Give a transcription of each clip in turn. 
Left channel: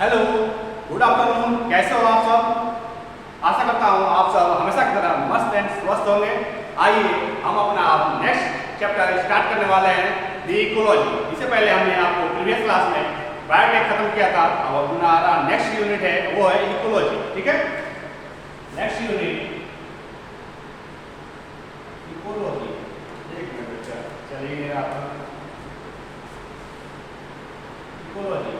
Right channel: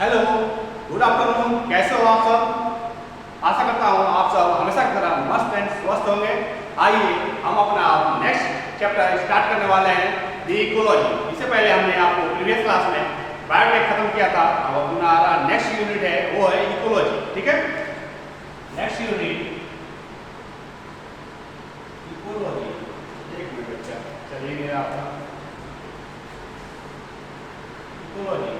Hello, good afternoon. कैसे हो आप सब? आशा करता हूँ आप सब हमेशा की तरह मस्त एंड स्वस्थ होंगे। आइए हम अपना नेक्स्ट चैप्टर स्टार्ट करने वाले हैं, दी इकोलॉजी। इससे पहले हमने आपको प्रीवियस क्लास में बायोटेक खत्म किया था। अब हमारा नेक्स्ट यूनिट है वो है इकोलॉजी। ठीक है, नेक्स्ट यूनिट इकोलॉजी। एक मिनट बच्चा, चलिए आप इकोलॉजी।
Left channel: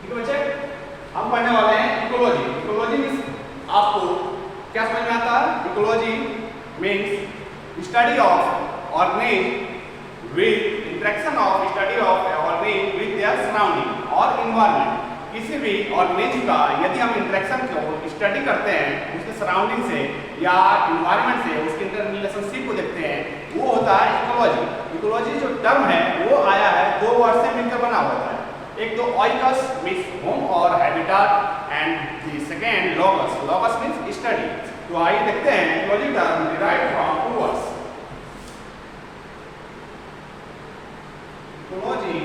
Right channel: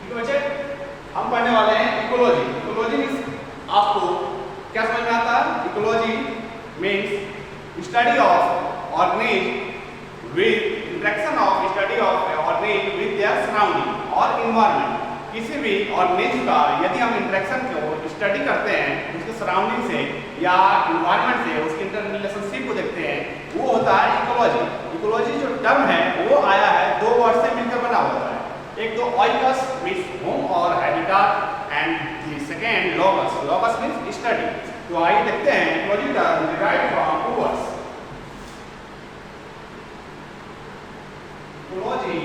ठीक है बच्चे, हम पढ़ने वाले हैं इकोलॉजी। इकोलॉजी मीन्स आपको क्या समझ में आता है? Ecology means study of organism with interaction of study of organism with their surrounding और इन्वायरमेंट। किसी भी ऑर्गेनिज्म का यदि हम इंटरेक्शन को स्टडी करते हैं उसके सराउंडिंग से या इन्वायरमेंट से, उसके इंटर रिलेशनशिप को देखते हैं, वो होता है इकोलॉजी। इकोलॉजी जो टर्म है वो आया है दो वर्ड से मिलकर बना होता है। एक तो ऑइकस मीन्स होम और habitat and the second logos. Logos means study. तो आइए देखते हैं इकोलॉजी का derived from two words. Ecology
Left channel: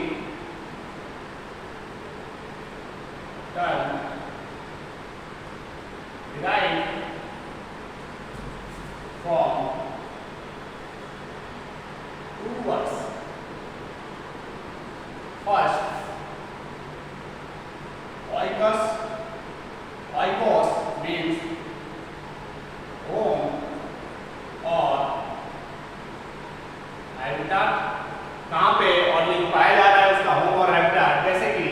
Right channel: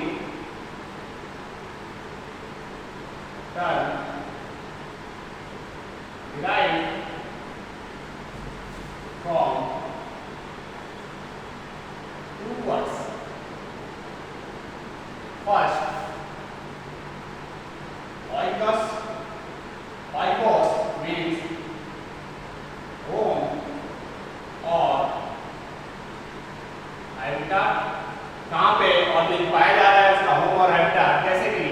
term derived from two words. First oikos, oikos means home और habitat। कहाँ पे और लिंक पाया जा रहा है उसका होम और हैबिटाट? जैसे कि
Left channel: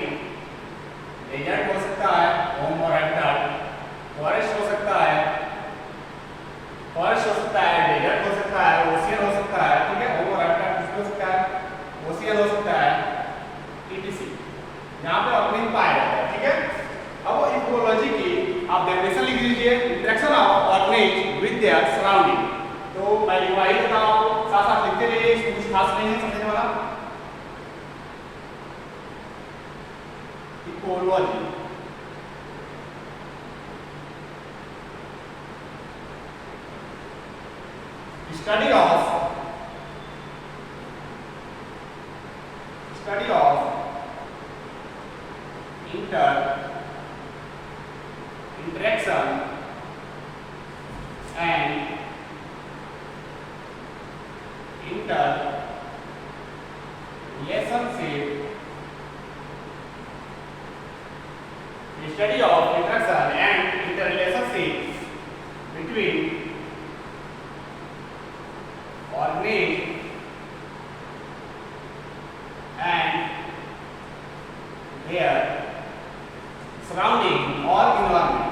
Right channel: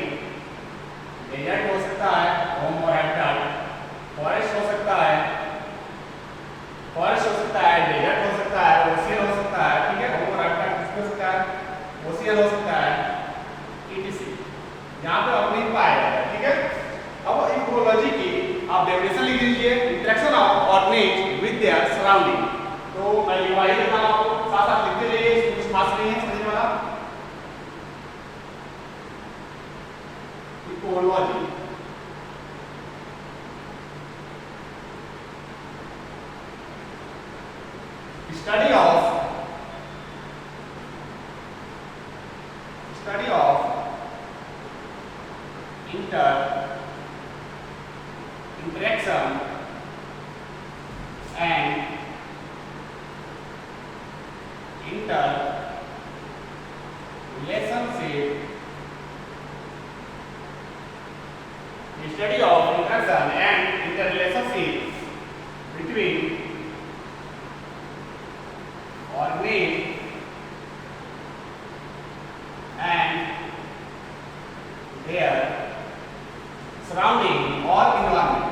डेजर्ट हो सकता है होम और हैबिटाट, फॉरेस्ट हो सकता है, फॉरेस्ट हो सकता है, डेजर्ट हो सकता है, ओशियन हो सकता है। ठीक है, होम और हैबिटाट हो सकता है, ओशियन हो सकता है, etc। यहाँ पे अपनी पाया जाता है। ठीक है, अब इकोलॉजी की आप डेफिनेशन लिख लीजिए, interaction of organism with their surrounding. तो मैं लिखवा ही देता हूँ आपको, साथ साथ लिखते रहिए, इसमें कुछ खास नहीं है समझने वाला। Ecology study of interaction and relationship, study of interaction and interrelationship between organism and their surrounding or environment।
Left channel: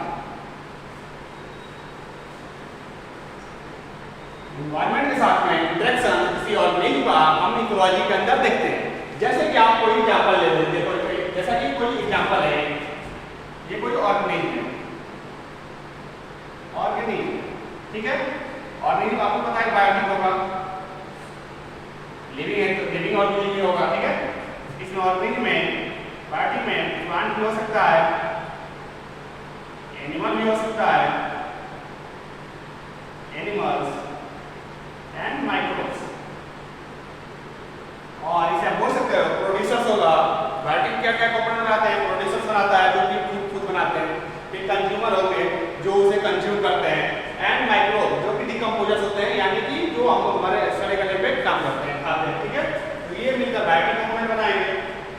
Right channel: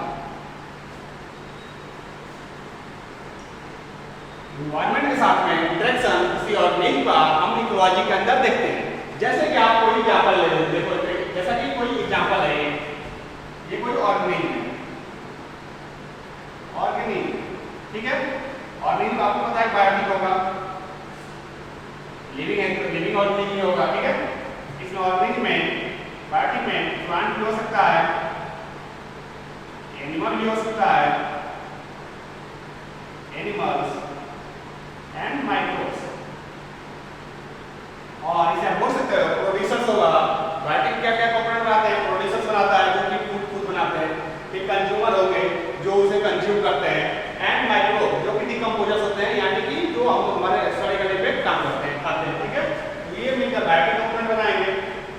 Environment के साथ में इंटरेक्शन किसी ऑर्गेनिज्म का हम इकोलॉजी के अंदर देखते हैं। जैसे कि आप कोई एग्जांपल ले लेते हैं, जैसा कि कोई एग्जांपल है, ये कोई ऑर्गेनिज्म है, ऑर्गेनिज्म। ठीक है, ऑर्गेनिज्म आपको पता है बायोटिक होगा, लिविंग ऑर्गेनिज्म होगा। ठीक है, इस ऑर्गेनिज्म में बायोटिक में प्लांट भी हो सकता है, एनिमल भी हो सकता है, एनिमल्स एंड माइक्रोब्स। और इसे आप बोल सकते हो प्रोड्यूसर्स होगा। बायोटिक क्या क्या कंपोनेंट बनाता है? प्रोड्यूसर्स बनाता है जो कि फूड बनाते हैं, फिर कंज्यूमर होंगे जो उसे कंज्यूम करते हैं, एंड माइक्रोब जो कि डिकम्पोजर्स होते हैं, यानी कि जो हम हमारे सड़े गले पे काम करते हैं, खाते हैं। ठीक है, तो ये मिलकर बायोटिक कंपोनेंट बनाएंगे।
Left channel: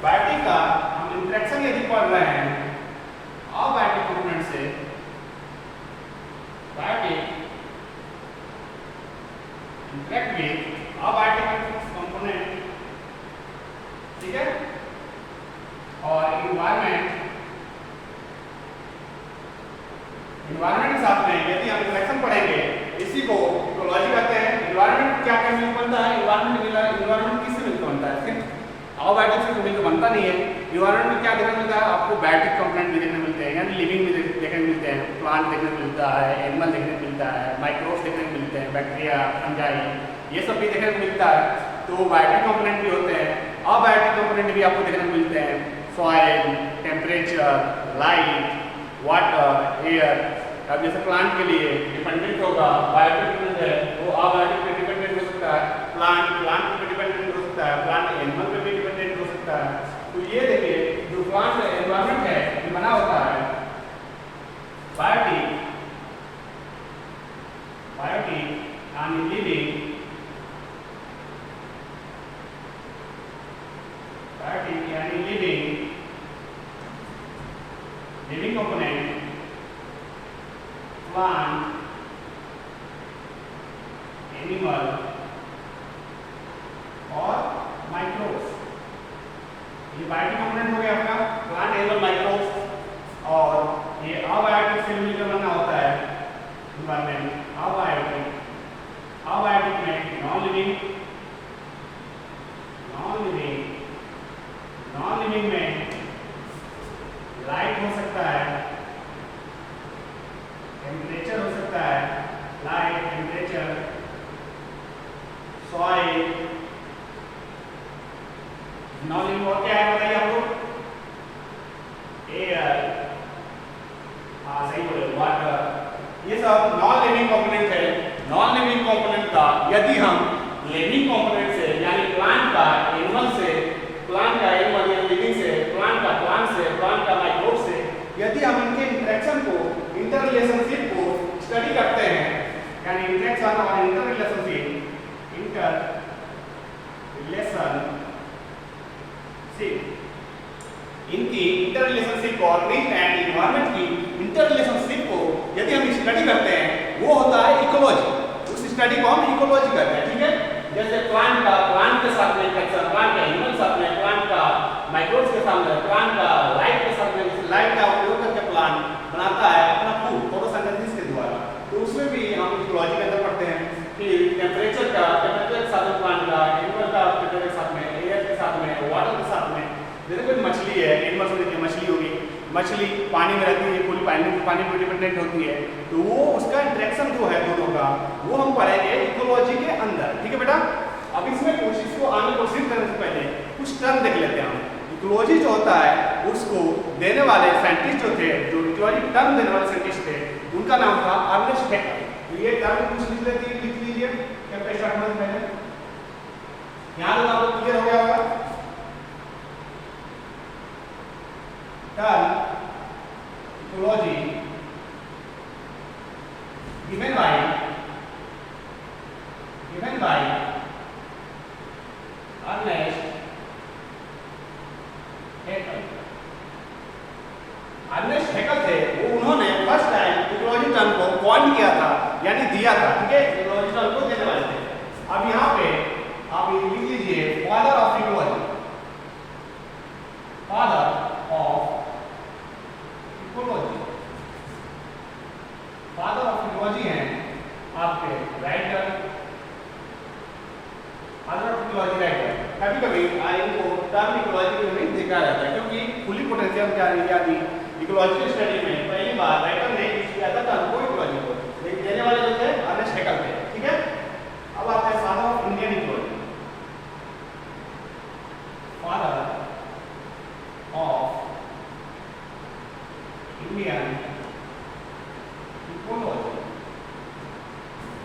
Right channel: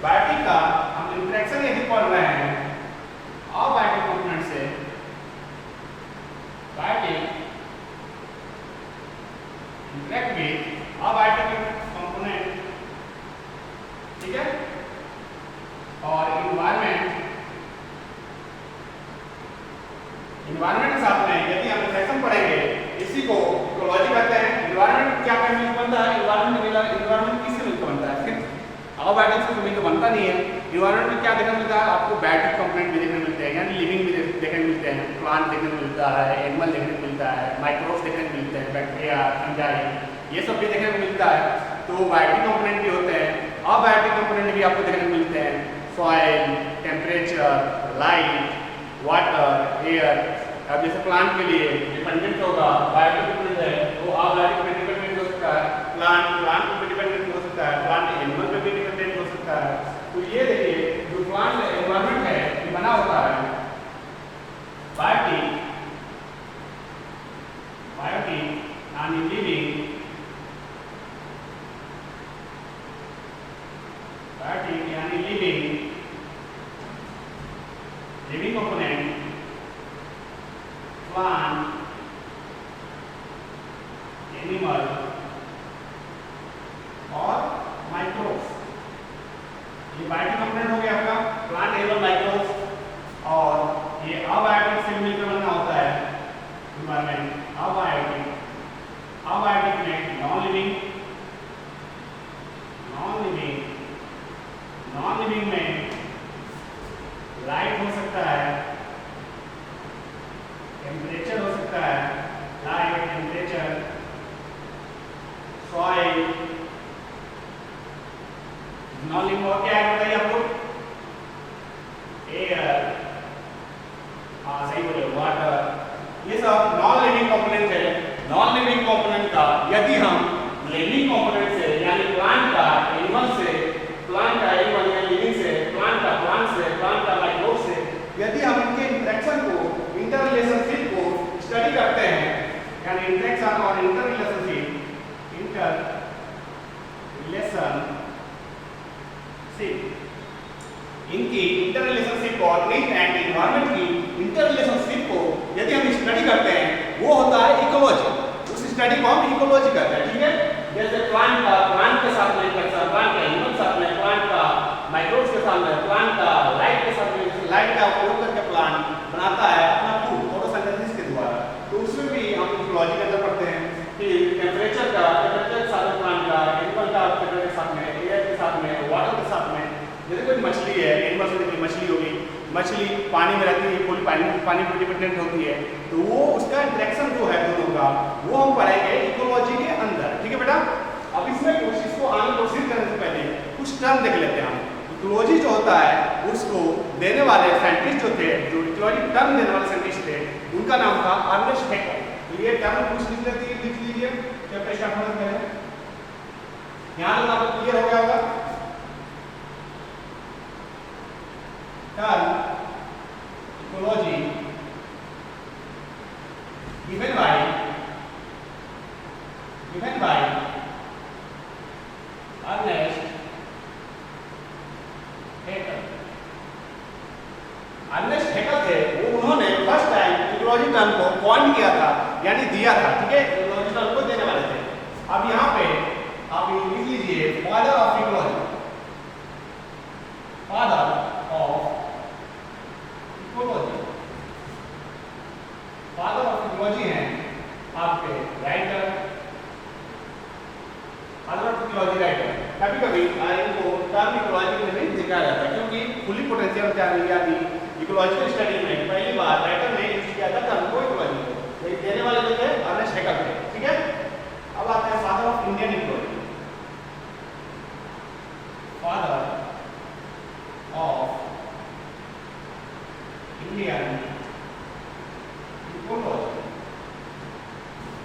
बायोटिक का हम इंटरेक्शन यदि पढ़ रहे हैं अबायोटिक कंपोनेंट से, biotic interact with abiotic component. ठीक है, और इन्वायरमेंट के साथ में यदि हम इंटरेक्शन पढ़ेंगे, इसी को इकोलॉजी कहते हैं। इन्वायरमेंट क्या क्या मिलकर बनता है? इन्वायरमेंट किससे मिलकर बनता है? फिर अबायोटिक से तो मिलकर बनता नहीं है। इन्वायरमेंट में क्या देखने मिलता है आपको? बायोटिक कंपोनेंट भी देखने मिलते हैं, यानी लिविंग भी देखने मिलते हैं, प्लांट देखने मिलता है, एनिमल देखने को मिलता है, माइक्रोब्स देखने को मिलते हैं, बैक्टीरिया, फंजाई, ये सब भी देखने को मिलता है। तो बायोटिक कंपोनेंट भी होते हैं। अबायोटिक कंपोनेंट भी आपको देखने को मिलते हैं, soil, temperature, light, water, air, अब जैसे प्लांट के लिए डिपेंडेंट होगा, बायोटिक डिपेंडेंट है वो अबायोटिक पे डिपेंडेंट हो सकता है, प्लांट पे डिपेंडेंट हो सकता है, प्लांट एनिमल पे भी डिपेंडेंट हो सकता है। तो ये देखिए जो प्लांट एनवायरनमेंट है ये बना होता है बायोटिक यानी लिविंग, बायोटिक यानी लिविंग कंपोनेंट, प्लांट, एनिमल और माइक्रोब्स। ये बायोटिक कंपोनेंट हो गया अपना प्लांट, एनिमल, माइक्रोब्स। और ये अबायोटिक से मिलकर बना होता है एनवायरनमेंट। अबायोटिक में नॉन लिविंग में लाइट हो सकता है, टेम्परेचर हो सकता है, light, temperature, soil. Non living और क्या है बताइए आप लोग? एयर, हाँ सही बोले, वाटर। ये सब नॉन लिविंग कंपोनेंट है। नॉन लिविंग कंपोनेंट का यदि हम लिविंग कंपोनेंट से यानी प्लांट का एनिमल से, प्लांट का एनिमल यानी लिविंग से, प्लांट का माइक्रोब से यदि हम इनके इंटरेक्शन को, इंटर रिलेशनशिप को स्टडी करते हैं, यानी इंटरेक्शन और इंटर रिलेशनशिप इनकी इंटर रिलेशनशिप और ऑर्गेनिज्म एंड एनवायरनमेंट की इंटर रिलेशनशिप को यदि हम स्टडी करते हैं वो होता है इकोलॉजी। उस स्टडी को हम इकोलॉजी कहते हैं, ठीक है। जैसे प्लांट के साथ में इंटरेक्शन, प्लांट के एनिमल साथ में, प्लांट का माइक्रोब्स के साथ में, प्लांट का लाइट के साथ में, लाइट का उपयोग करके प्लांट बनाता है अपना फूड फोटोसिंथेसिस के द्वारा। तो उसमें भी हम इकोलॉजी के अंदर पढ़ते हैं कि टेम्परेचर के साथ में प्लांट का, एनिमल का टेम्परेचर के साथ में, एयर के साथ में, वाटर के साथ में। जैसे कोई मछली है, एनिमल से देखिए मछली होगी, मछली पानी में रहती है, पूरी पानी पर डिपेंडेंट होती है, तो वो उसका इंटरेक्शन जो है दोनों का वो हम पढ़ेंगे इकोलॉजी के अंदर, ठीक है बेटा। अब इसमें कोशिश को आगे प्रोसीड करने से पहले कुछ टर्म देख लेते हैं हम। इकोलॉजी जो होता है उसको देने वाले साइंटिस्ट जो थे, जो इकोलॉजी टर्म देने वाले साइंटिस्ट थे, उनका नाम था अर्नेस्ट हैकेल। तो ये टर्म कुछ लिख लीजिए चैप्टर स्टार्ट होने से पहले। यहाँ तक आपको क्लियर हो गया होगा। Term ecology given by Ernest Haeckel। Ernest Haeckel थे, वो उन्होंने फर्स्ट टाइम इकोलॉजी टर्म को कॉइन किया था, यानी दिया था, ठीक है। इकोलॉजी टर्म को देने वाले थे। अब यहाँ पे आप लिख लीजिए father of ecology, father of ecology. Father of ecology हैं आपके writer, father of ecology writer. कभी कभी इनको टर्म इकोलॉजी में नहीं देखा जाता है क्योंकि फुली पोटेंशियल यानी इकोलॉजिकल स्टडी में पहली बार राइटर ने यूज किया था टर्म को इकोलॉजी को। लेकिन देने वाले जो थे अर्नेस्ट हैकेल थे, ठीक है। अब आता है father of Indian ecology, father of Indian ecology.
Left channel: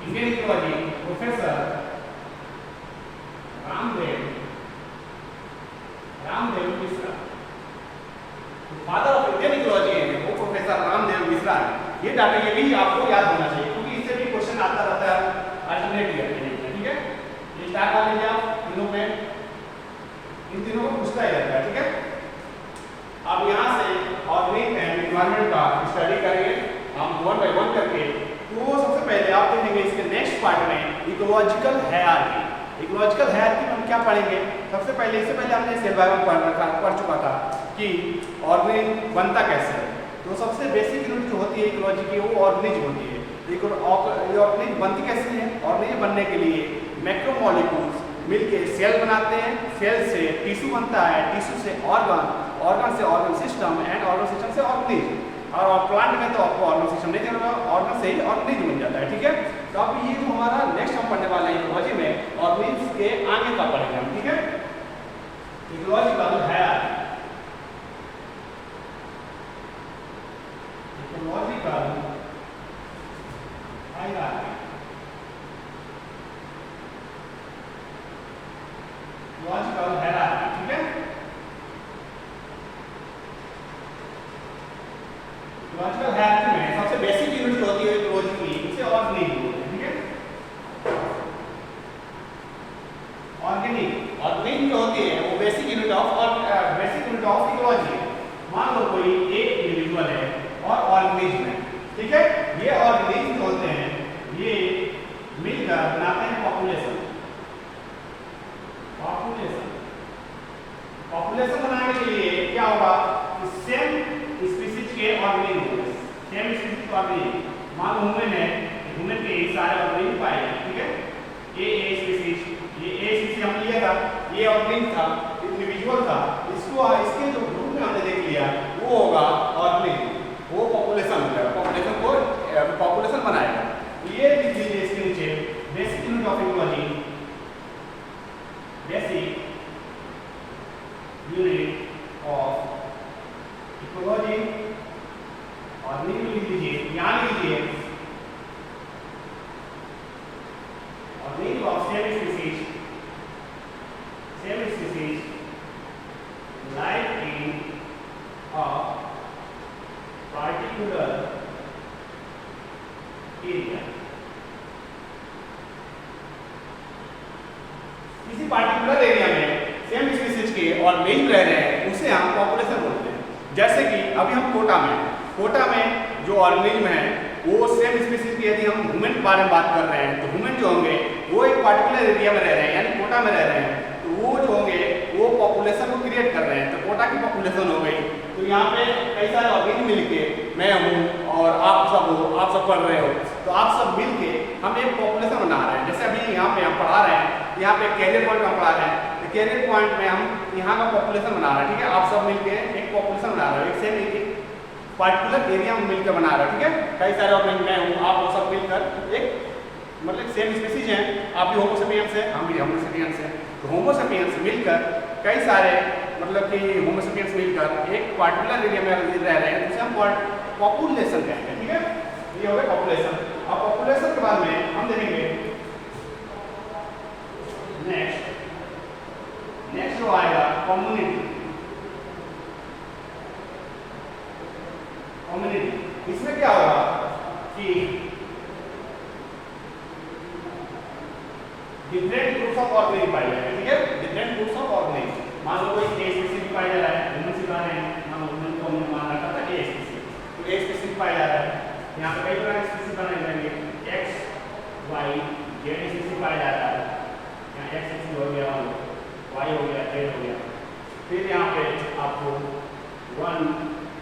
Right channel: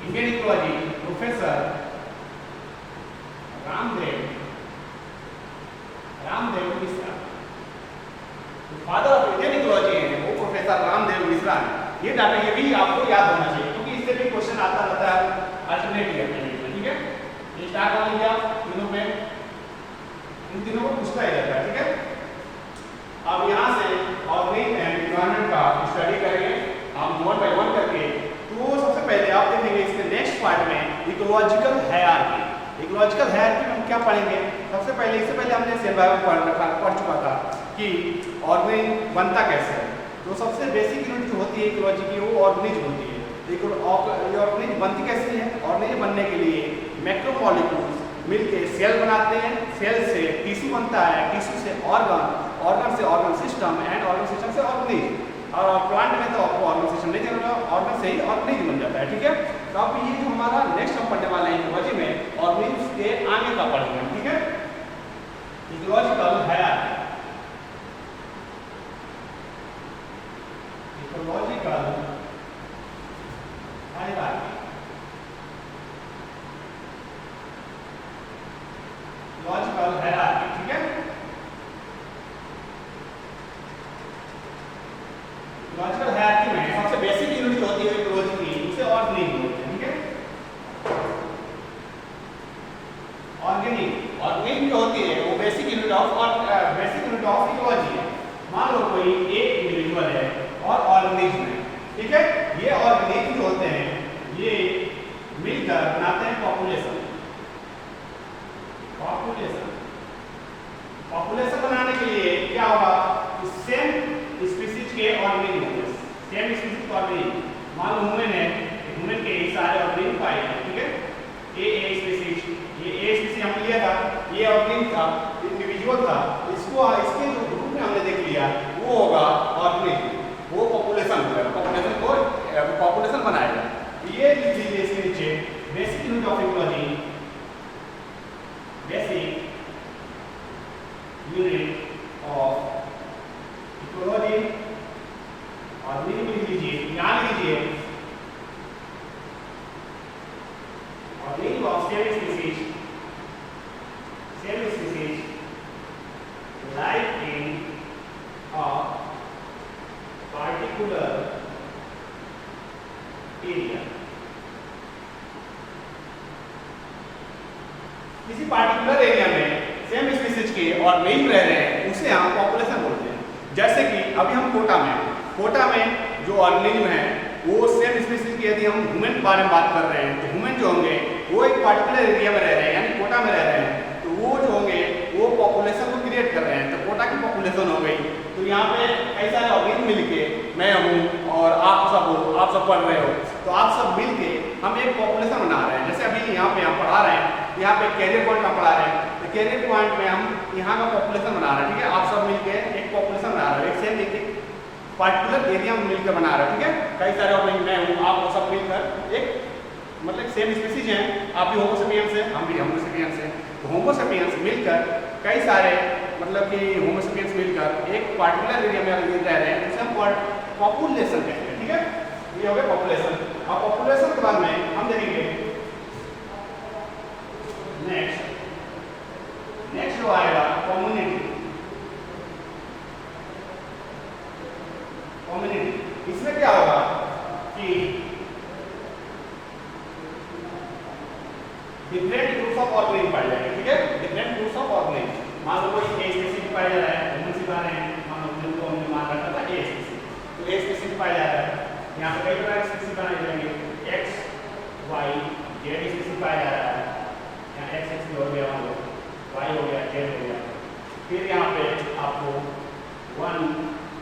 Indian ecology professor Ramdev Mishra. तो फादर ऑफ इंडियन इकोलॉजी है वो प्रोफेसर रामदेव मिश्रा है। ये डाटा ये भी आपको याद होना चाहिए क्योंकि इससे भी क्वेश्चन आता रहता है अल्टरनेट ईयर में, ठीक है। ये स्टार्ट कर लीजिए आप तीनों पे, इन तीनों को पूछता ही रहता है, ठीक है। अब यहाँ से ऑर्गेनिक एंड एनवायरनमेंट का स्टडी करेंगे हम वन बाय वन करके। तो सबसे पहले आप देखेंगे इसके नेक्स्ट पार्ट में इकोलॉजिकल हायरार्की। इकोलॉजिकल हायरार्की में हम क्या पढ़ेंगे? सबसे पहले, इससे पहले हमने सेल बायोलॉजी पढ़ चुका था कि ऑर्गेनिज्म बनता कैसे है। तो सबसे बेसिक यूनिट जो होती है इकोलॉजी की वो ऑर्गेनिज्म होती है। ये ऑर्गेनिज्म बनती कैसी है? ऑर्गेनिज्म बनने के लिए मैक्रोमोलिक्यूल्स मिलके सेल बनाते हैं, सेल से टिश्यू बनता है, टिश्यू से ऑर्गन, ऑर्गन से organ system and organ system से ऑर्गेनिज्म। और प्लांट में तो आपको ऑर्गन सिस्टम नहीं देना होगा, ऑर्गन से ही ऑर्गेनिज्म बन जाता है, ठीक है। तो अब ये जो हमारा नेक्स्ट हम पढ़ने वाले हैं इकोलॉजी में ऑर्गेनिज्म के आगे का पढ़ेंगे हम, ठीक है। Ecological hierarchy, ecological hierarchy, ecological hierarchy, ठीक है। इकोलॉजिकल हायरार्की में सबसे बेसिक यूनिट जो होती है इकोलॉजी की, उसे ऑर्गेनिज्म बोलते हैं, ठीक है। ऑर्गेनिज्म जो होती है वो बेसिक यूनिट ऑफ इकोलॉजी है। मान लो कोई एक इंडिविजुअल है और ऑर्गेनिज्म है, ठीक है। ये ऑर्गेनिज्म जो होते हैं ये मिलकर बनाते हैं पॉपुलेशन। पॉपुलेशन बनाने के लिए क्या होगा कि सेम स्पीशीज के ऑर्गेनिज्म होंगे, सेम स्पीशीज के ऑर्गेनिज्म। मान लो ह्यूमन है, ह्यूमन के सारे ऑर्गेनिज्म पाए हैं, ठीक है। ये स्पीशीज हमने लिया था, ये ऑर्गेनिज्म था, इंडिविजुअल था, इसके जो ग्रुप में हमने देख लिया वो होगा ऑर्गेनिज्म, वो पॉपुलेशन हो जाएगा, पॉपुलेशन बनाएगा। ये लिख लीजिए इसके नीचे basic unit of ecology, basic unit of ecology, organism लिख लीजिए, यहाँ लीजिए organism of same species life in a particular area, किसी पार्टिकुलर एरिया में सेम स्पीशीज के ऑर्गेनिज्म रह रहे हैं, उसे हम पॉपुलेशन बोलते हैं। जैसे कि अभी हम कोटा में जो ऑर्गेनिज्म है वो सेम स्पीशीज की, यदि हम ह्यूमन के बारे में बात कर रहे हैं तो ह्यूमन जो होंगे वो एक पार्टिकुलर एरिया में रह रहे हैं, यानी कोटा में रह रहे हैं, तो वो जो होंगे वो पॉपुलेशन को क्रिएट कर रहे हैं, तो कोटा की पॉपुलेशन हो गई। तो यहाँ पे कई सारे ऑर्गेनिज्म मिलके, मैं हूँ और आप सब हो, आप सब पढ़ रहे हो, तो आप सब मिलके हम एक पॉपुलेशन बना रहे हैं। जैसे अभी यहाँ पे हम पढ़ा रहे हैं, यहाँ पे कैरियर पॉइंट में पढ़ा रहे हैं, तो कैरियर पॉइंट में हम यहाँ का पॉपुलेशन बना रहे हैं, ठीक है। आप सब मिलके एक पॉपुलेशन बना रहे हो, एक सेम एक पार्टिकुलर एरिया में मिलकर बना रहे हो, ठीक है। कई सारे ऑर्गेनिज्म, मैं हूँ, आप वो सब मिलकर एक मतलब सेम स्पीशीज हैं, आप भी होमो सेपियंस है, हम भी होमो सेपियंस हैं, तो होमो सेपियंस मिलकर कई सारे मतलब कि होमो सेपियंस मिलकर एक पार्टिकुलर एरिया में रह रहे हैं, तो उसे हम पॉपुलेशन कहेंगे, ठीक है। ये हो गया पॉपुलेशन। अब पॉपुलेशन के बाद में हम देखेंगे नेक्स्ट जो आएगा कम्युनिटी। इसमें क्या होगा कि डिफरेंट ग्रुप्स ऑफ ऑर्गेनिज्म पाए जाएंगे, ठीक है। डिफरेंट ग्रुप्स ऑफ ऑर्गेनिज्म, मान लो कोई ए स्पीशीज पाया जा रहा है, ह्यूमन सिखा रहे हैं, मान लो ह्यूमन को हमने मान रखा था ए स्पीशीज, तो ए स्पीशीज पाया जा रहा है। यहाँ पे कई प्रकार के स्पीशीज बनाए जाएंगे, एक्स वाई जेड स्पीशीज पाया जा रहा है। यहाँ एक्स एक्स हो गया, मान लो वाई हो गया, जेड हो गया। फिर यहाँ पे आपको 1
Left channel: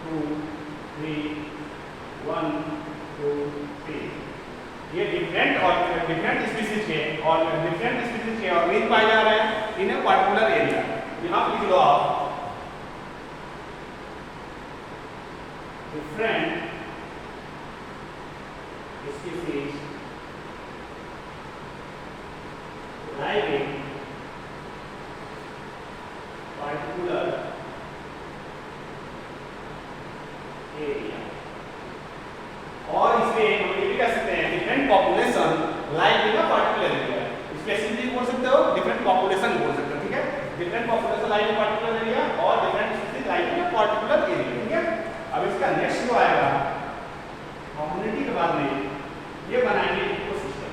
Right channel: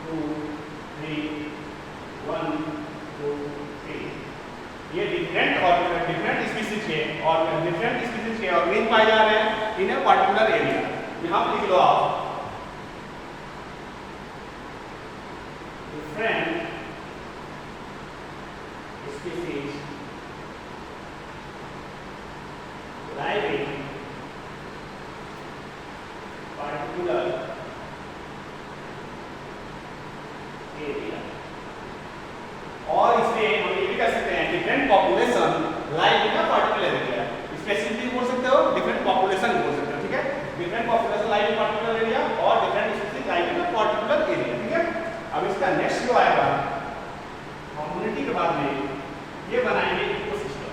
2 3 1 2 3 ये डिफरेंट स्पीशीज के और ऑर्गेनिज्म पाए जा रहे हैं इन ए पार्टिकुलर एरिया। यहाँ पे लिख लो आप different species live in particular area. और इसमें हम ये भी कह सकते हैं different population live in a particular area. Specific बोल सकते हो, डिफरेंट पॉपुलेशन बोल सकते हो, ठीक है। Different population live in particular area और different species live in a particular area, ठीक है। अब इसका नेक्स्ट जो आएगा कम्युनिटी के बाद में ये बनाएंगे इकोसिस्टम।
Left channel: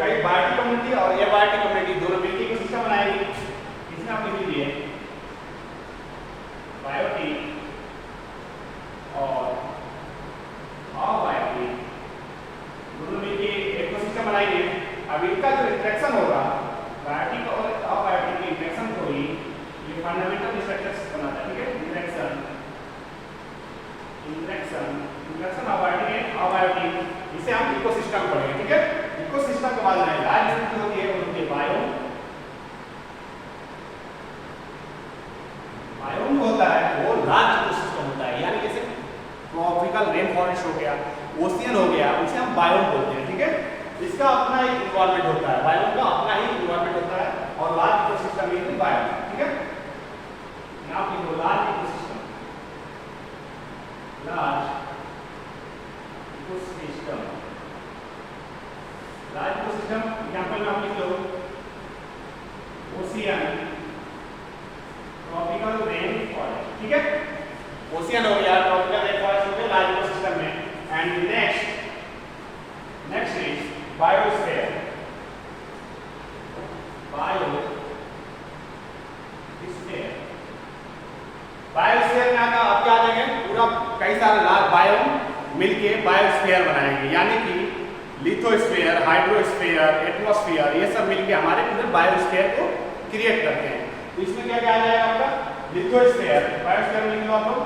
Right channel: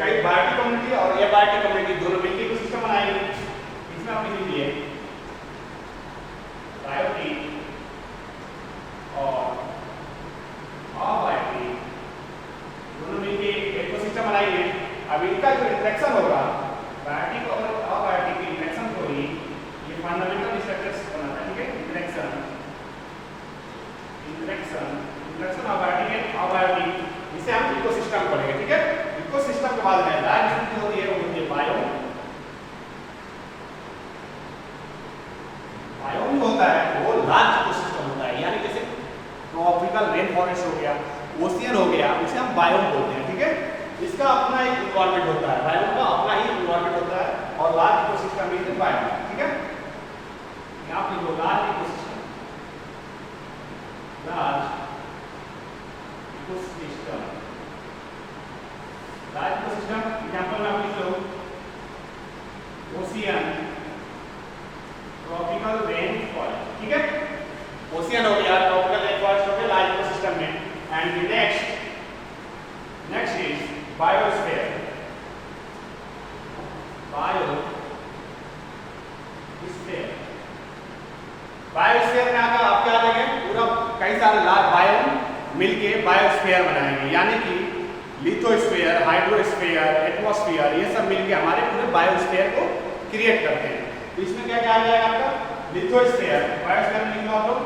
कई बायोटिक कम्युनिटी और एबायोटिक कम्युनिटी दोनों मिलकर इकोसिस्टम बनाएंगे। इसमें आप लिख लीजिए बायोटिक और अबायोटिक दोनों मिलकर इकोसिस्टम बनाएंगे। अब इनका जो इंटरेक्शन होगा, बायोटिक और अबायोटिक की इंटरेक्शन को ही ये फंडामेंटल स्ट्रक्चर्स बनाता है, ठीक है। इंटरेक्शन अबायोटिक, इसे हम इकोसिस्टम पढ़ेंगे, ठीक है। इकोसिस्टम के बाद में लार्ज यूनिट होती है, वो होती है बायोम। बायोम होता है वो लार्ज इकोसिस्टम होता है, यानी जैसे ट्रॉपिकल रेन फॉरेस्ट हो गया, ओशियन हो गया, उसे हम बायोम बोलते हैं, ठीक है। इसका अपना एक इन्वायरमेंट होता है, बायोम का अपना ही इन्वायरमेंट होता है और लार्ज इकोसिस्टम इज बायोम, ठीक है। यहाँ पे जो लार्ज इकोसिस्टम ठीक है, ओशियन हो गया, ट्रॉपिकल रेन फॉरेस्ट हो गया लार्ज इकोसिस्टम में। And next is biosphere. Biosphere में आता आप क्या देंगे, पूरा कई सारे लार्ज बायोम मिलके बायोस्फीयर बनाएंगे, यानी कि लिथोस्फीयर, हाइड्रोस्फीयर, एटमॉस्फेयर, ये सब मिलके हमारे पूरे बायोस्फीयर को क्रिएट करते हैं। तो इसमें क्या क्या आ जाएगा आपका, लिथोस्फीयर, बायोस्फीयर में लिख लो आप लोग,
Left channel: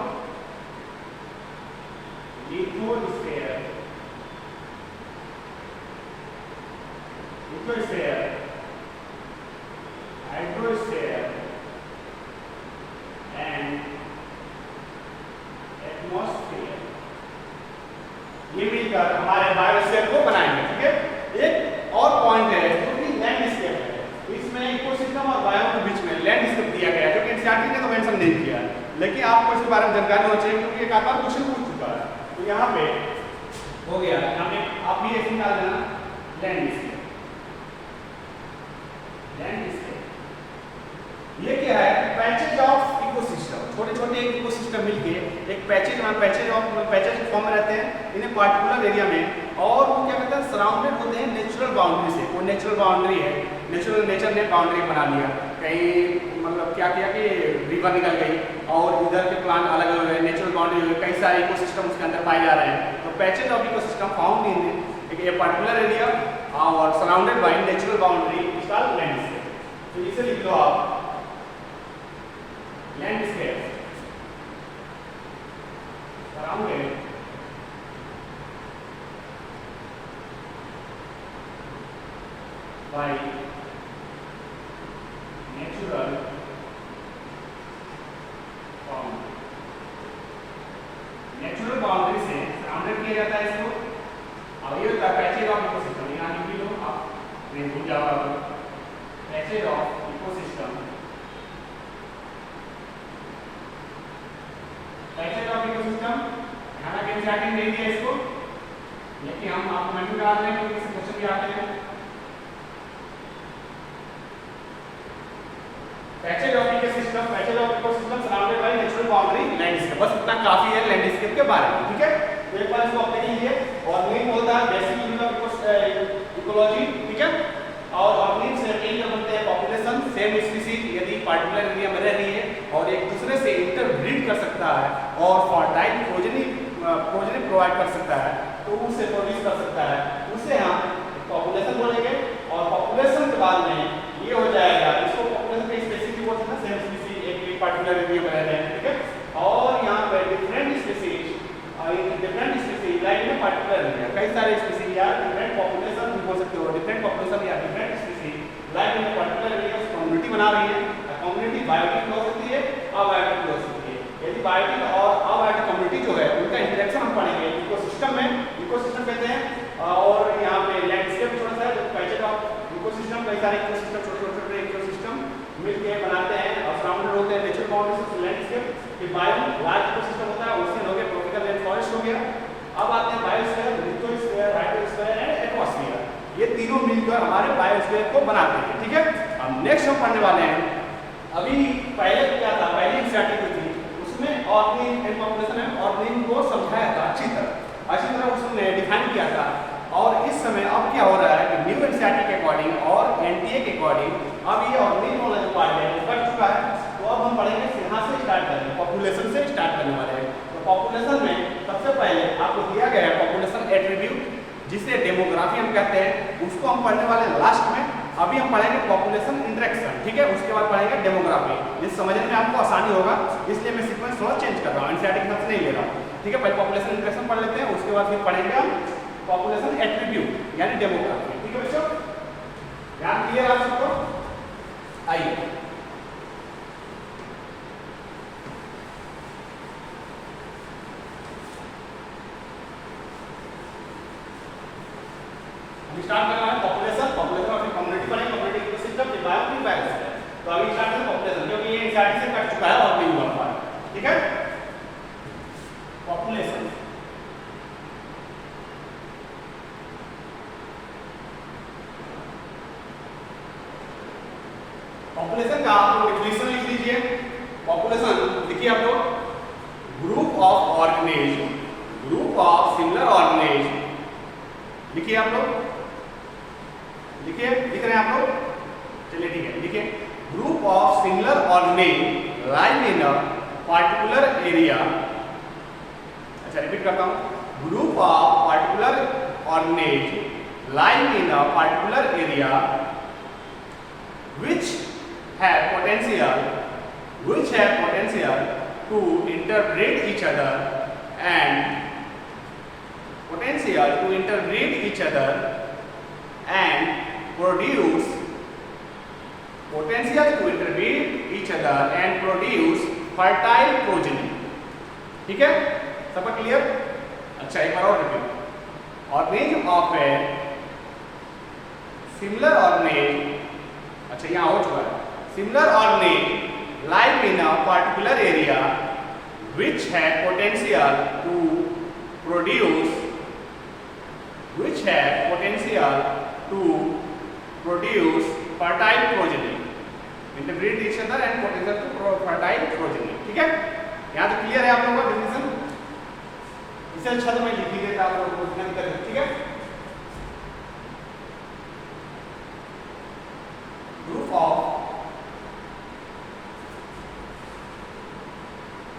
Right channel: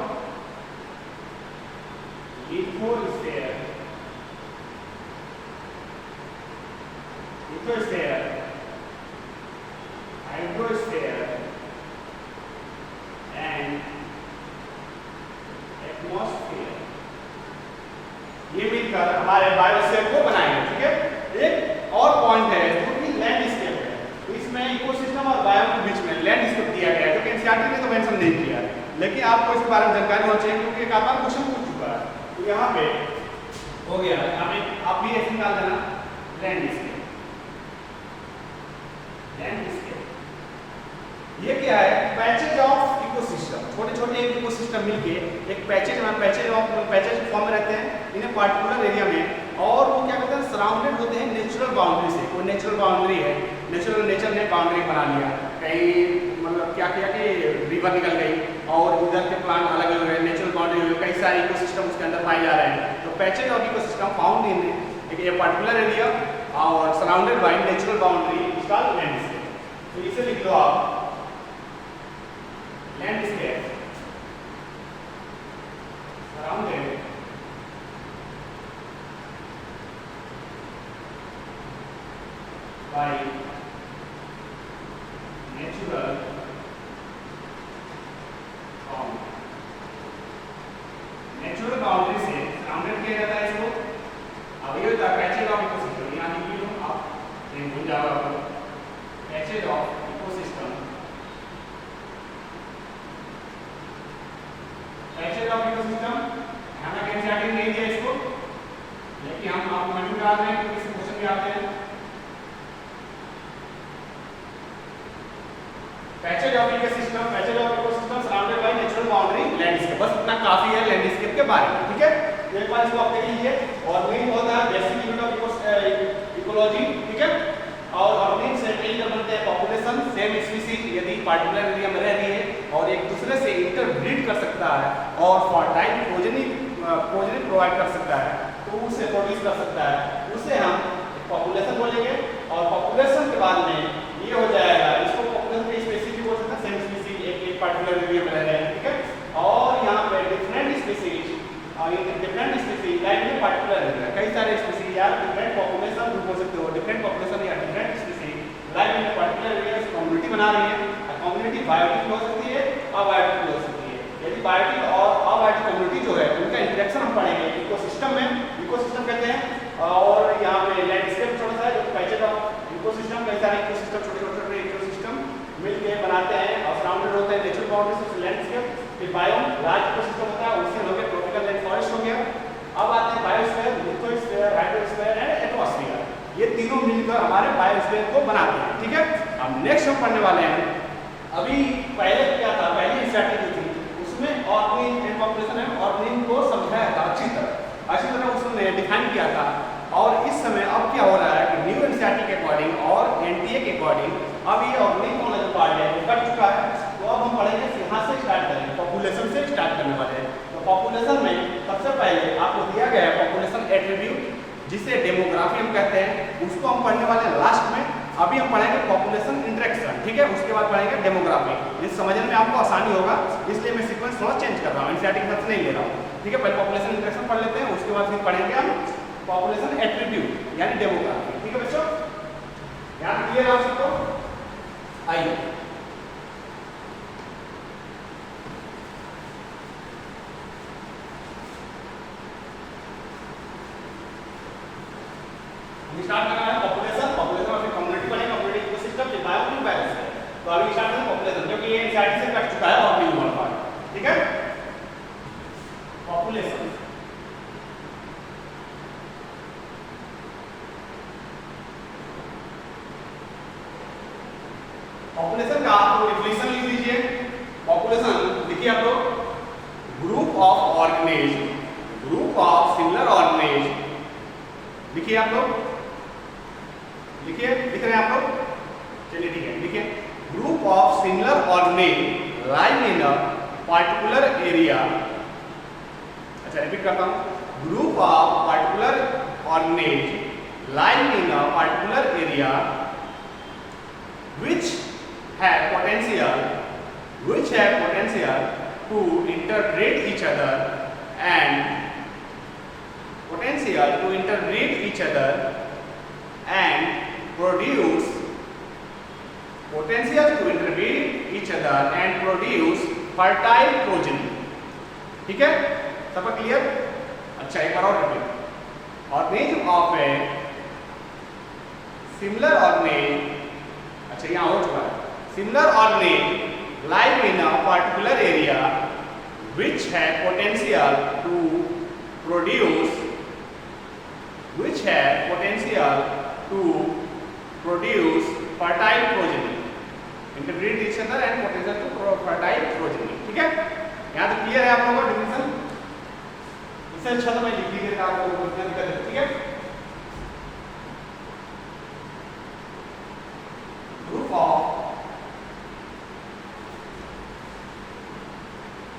लिथोस्फीयर, हाइड्रोस्फीयर एंड एटमॉस्फेयर, ये मिलकर हमारे बायोस्फीयर को बनाएंगे। ठीक है, एक और पॉइंट है जो कि लैंडस्केप है, तो इसमें इकोसिस्टम और बायो के बीच में लैंडस्केप दिया गया है, जो कि एनसीईआरटी ने तो मेंशन नहीं किया, लेकिन आपको इसके बारे में जानकारी होना चाहिए क्योंकि एक आध बार क्वेश्चन पूछ चुका है। तो यहाँ पे हो गया, हमें आप भी ऐसे निकाल देना लैंडस्केप। ये क्या है, पैचेज ऑफ इकोसिस्टम, छोटे छोटे इकोसिस्टम मिलके एक पैचेज में पैचेज फॉर्म में रहते हैं इन पर्टिकुलर एरिया में, और वो क्या कहते हैं, सराउंडेड होते हैं नेचुरल बाउंड्री से। वो नेचुरल बाउंड्री है, नेचर ने बाउंड्री बना लिया, कहीं मतलब क्या किया कि रिवर निकल गई और इधर के प्लांट अलग हो गए, नेचुरल बाउंड्री हो गई, कई सारे इकोसिस्टम उसके अंदर पाए जा रहे हैं। तो patches of ecosystem found in a particular area और surrounded by natural boundary is called landscape. तो इसे लिख लो आप, landscape surrounded by natural boundary. Natural boundary से सराउंडेड किया जाता है इसको। अब ये होता है पैचेज ऑफ इकोसिस्टम, यहाँ लिख लो आप, नहीं भूल जाओगे, patches of ecosystem, patches of ecosystem, यहाँ के एनसीईआरटी नहीं दिया इसको, लेकिन हम आपको मेन्यू डाल रहे हैं क्योंकि इससे क्वेश्चन भी आते हैं। Patches of ecosystem surrounded by natural boundary landscape, बस इतना काफी है लैंडस्केप के बारे में। ठीक है, एक बार इसको आप देख लीजिए। ऑर्गेनिक होता है बेसिक यूनिट ऑफ इकोलॉजी, ठीक है, और ऑर्गेनिक से मिलकर बनते हैं पॉपुलेशन, सेम स्पीसीज यदि पार्टिकुलर एरिया में रह रही है और एक दूसरे से इंटरब्रीड कर सकता है और फर्टाइल प्रोजेनी प्रोवाइड कर सकता है, तो उसे प्रोड्यूस कर सकता है, उसे हम पॉपुलेशन बोलेंगे। और पॉपुलेशन के बाद में ये हो जाएगा, इसको पॉपुलेशन के स्पीसीज बोल सकते हैं, सेम स्पीसीज एक पार्टिकुलर एरिया में रह रहे हैं। ठीक है, और यहाँ पे different species like in particular area, कई सारे स्पीसीज या डिफरेंट पॉपुलेशन बोल सकते हो, डिफरेंट पॉपुलेशन या different species like in particular area community बना रही है। कम्युनिटी बायोटिक हो सकती है, अबायोटिक हो सकती है। यदि बायोटिक और अबायोटिक कम्युनिटी जो है उनका इंटरेक्शन हम पढ़ेंगे इकोसिस्टम में, इकोसिस्टम कहते हैं। और यहाँ पे लैंडस्केप छोटा सा है, जो पैचेज ऑफ इकोसिस्टम, कई सारे इकोसिस्टम छोटे इकोसिस्टम मिलके बनाते हैं और सराउंडेड होते हैं नेचुरल बाउंड्री से लैंडस्केप। फिर बायोम लार्ज इकोसिस्टम होता है, ओशियन हो गया, ट्रॉपिकल रेन फॉरेस्ट हो गया। अब आते हैं biosphere, lithosphere, hydrosphere and atmosphere, ये तीनों मिलकर हमारे बायोस्फीयर को बनाते हैं। ठीक है, अब नेक्स्ट हम पढ़ने वाले हैं, अभी पहले क्या था, पहली एनसीईआरटी जो थी उसमें ऑर्गेनिक एंड पॉपुलेशन है, ऑर्गेनिक को समझाया था अच्छी तरह उसने डिफाइन किया था। और इस समय अब क्या हो रहा है कि न्यू एनसीईआरटी के अकॉर्डिंग और एनटीए के अकॉर्डिंग अब ये ऑर्गेनिक वाला जो पार्ट है वो कट चुका है। तो अब हम पढ़ेंगे यहाँ से स्टार्ट करेंगे, पॉपुलेशन से स्टार्ट करने वाले हैं। तो पॉपुलेशन में सबसे पहले आपको दिया गया है पॉपुलेशन एट्रीब्यूट, जिसे डेमोग्राफी हम कहते हैं, उसको हम पढ़ने वाले हैं लास्ट में। अभी हम पढ़ेंगे पॉपुलेशन इंटरेक्शन, ठीक है, उसके बाद पढ़ेंगे डेमोग्राफी। ये समझने में आपको आसानी होगा, इसलिए मैं सीक्वेंस थोड़ा चेंज कर रहा हूँ, एनसीईआरटी के हिसाब से नहीं ले रहा हूँ। ठीक है, पहले पॉपुलेशन इंटरेक्शन पढ़ लेते हैं, उसके बाद फिर पढ़ेंगे हम पॉपुलेशन एट्रीब्यूट यानी डेमोग्राफी। ठीक है बच्चों, ध्यान क्लियर आप सबको? आइए स्टार्ट करना है पॉपुलेशन और फिर कम्युनिटी बनेगी, कम्युनिटी इकोसिस्टम, फिर बायोटिक, बायोस्फीयर। तो अभी स्टार्ट करें पॉपुलेशन, क्योंकि ये एनसीईआरटी से कट चुका है और नहीं हुआ पार्ट। ठीक है, पॉपुलेशन का आप लोग डेफिनेशन लिख लीजिए। पॉपुलेशन देखिए आप लोग, ऑफ ऑर्गेनेज, ग्रुप ऑफ सिमिलर ऑर्गेनेज, लिखिए आप लोग, लिखिए, लिख रहे हैं आप लोग, चलिए ठीक है, लिखिए, group of similar organisms live in a particular area, अच्छा रिपीट करता हूं, group of particular organisms live in a particular area which have potential to interbreed each other and produce fertile progeny, ठीक है, सबका क्लियर? अच्छा एक बार और repeat, organism of a similar organisms, अच्छा यहाँ हो चुका है, similar organisms live in a particular area which have potential to produce fertile progeny, interbreed each other and potential to fertile progeny, ठीक है, यहाँ तो क्लियर है आप लोगों का डेफिनेशन? इससे अच्छा तो मैं लिख ही देता आप लोगों को, ठीक है? ग्रुप ऑफ,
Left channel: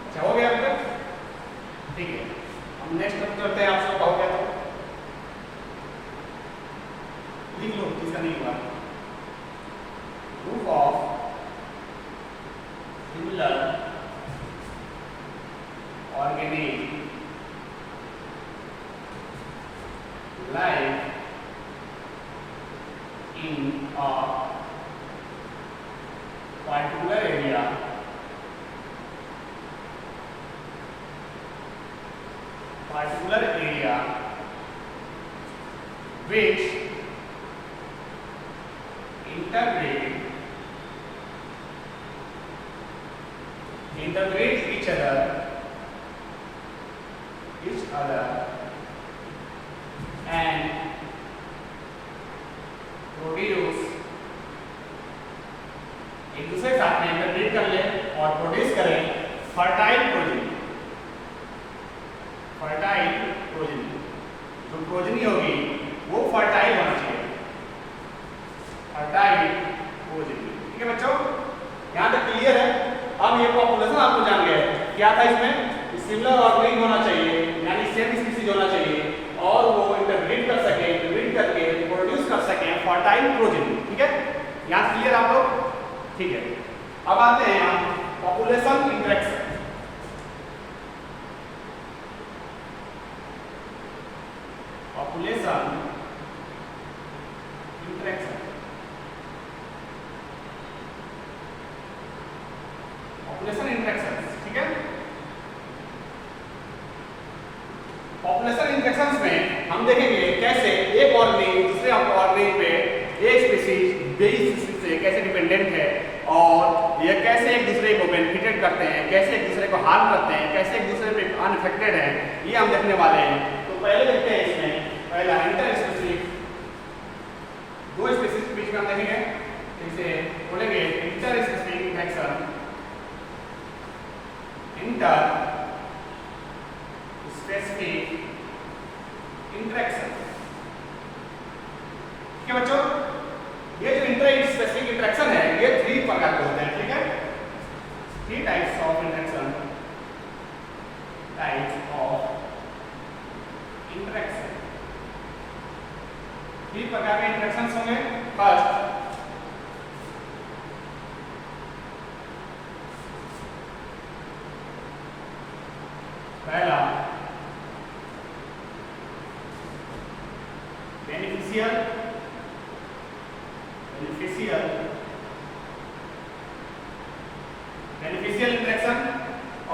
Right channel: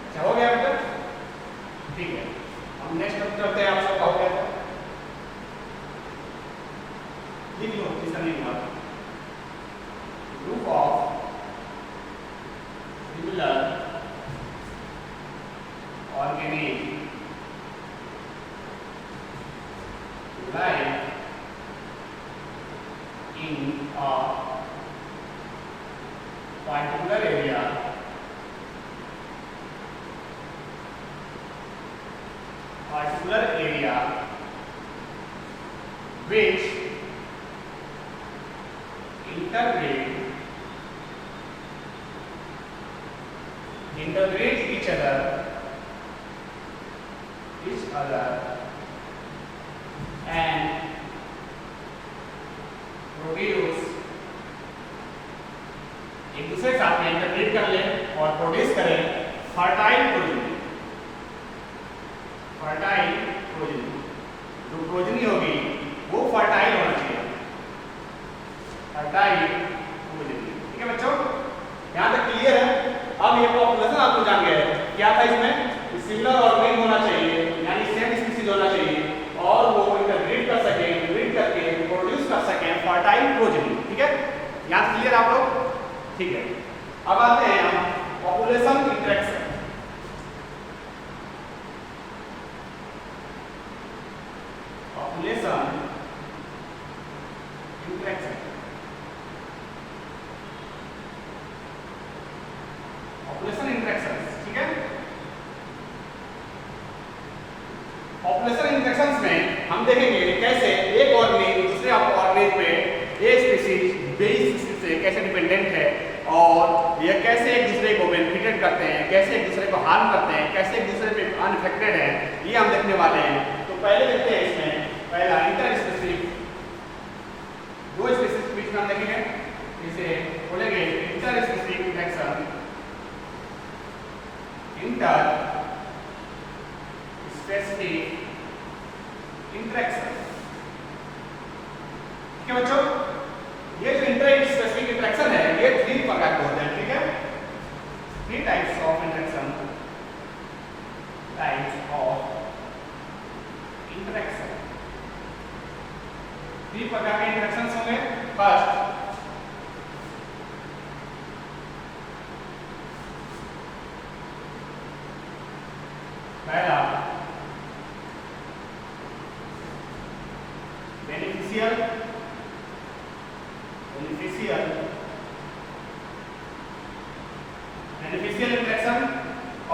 अच्छा हो गया बेटा, ठीक है, हम नेक्स्ट टॉपिक करते हैं, आप सबका हो गया था, लिख लो किसका नहीं हुआ, group of similar organisms live in a particular area which interbreed each other and produce, एक दूसरे के साथ में इंटरब्रीड कर ले और प्रोड्यूस करें फर्टाइल प्रोजेनी, जो प्रोजेनी होगी वो फर्टाइल होना चाहिए, फर्टाइल प्रोजेनी, ठीक है बच्चों, यहाँ तक क्लियर है? अब ये पॉपुलेशन आपको जान गए क्या था इसमें, सिमिलर ऑर्गेनिज्म होना चाहिए, यानी सेम स्पीशीज होना चाहिए और वो इंटरब्रीड कर सके, इंटरब्रीड करके प्रोड्यूस कर सके फर्टाइल प्रोजेनी, ठीक है, यहाँ तक क्लियर आप लोग? ठीक है, अब आते हैं हम population interaction, population interaction, population interaction, ठीक है, पॉपुलेशन इंटरेक्शंस में हम देखेंगे कैसे एक ऑर्गेनिज्म दूसरे ऑर्गेनिज्म पे, एक स्पीशीज बी स्पीशीज से कैसे डिपेंडेंट है और ये कैसे एक दूसरे को बेनिफिटेड करते हैं, कैसे एक दूसरे को हार्म करते हैं, कैसे एक दूसरे पे अनइफेक्टेड है, ये हम देखने वाले हैं। तो पहले देखते हैं इसमें, पहला इंटर स्पीशीज, दो स्पीशीज के बीच में हम देखेंगे, इसे बोलेंगे inter species interaction, inter specific interaction, ठीक है बच्चों, ये जो इंटर स्पेसिफिक इंटरेक्शन है ये 3 प्रकार के होते हैं, ठीक है, 3 टाइप्स ऑफ इंटरेक्शन, तीन प्रकार के इंटरेक्शंस होंगे। फर्स्ट पहला बेनिफिशियल इंटरेक्शन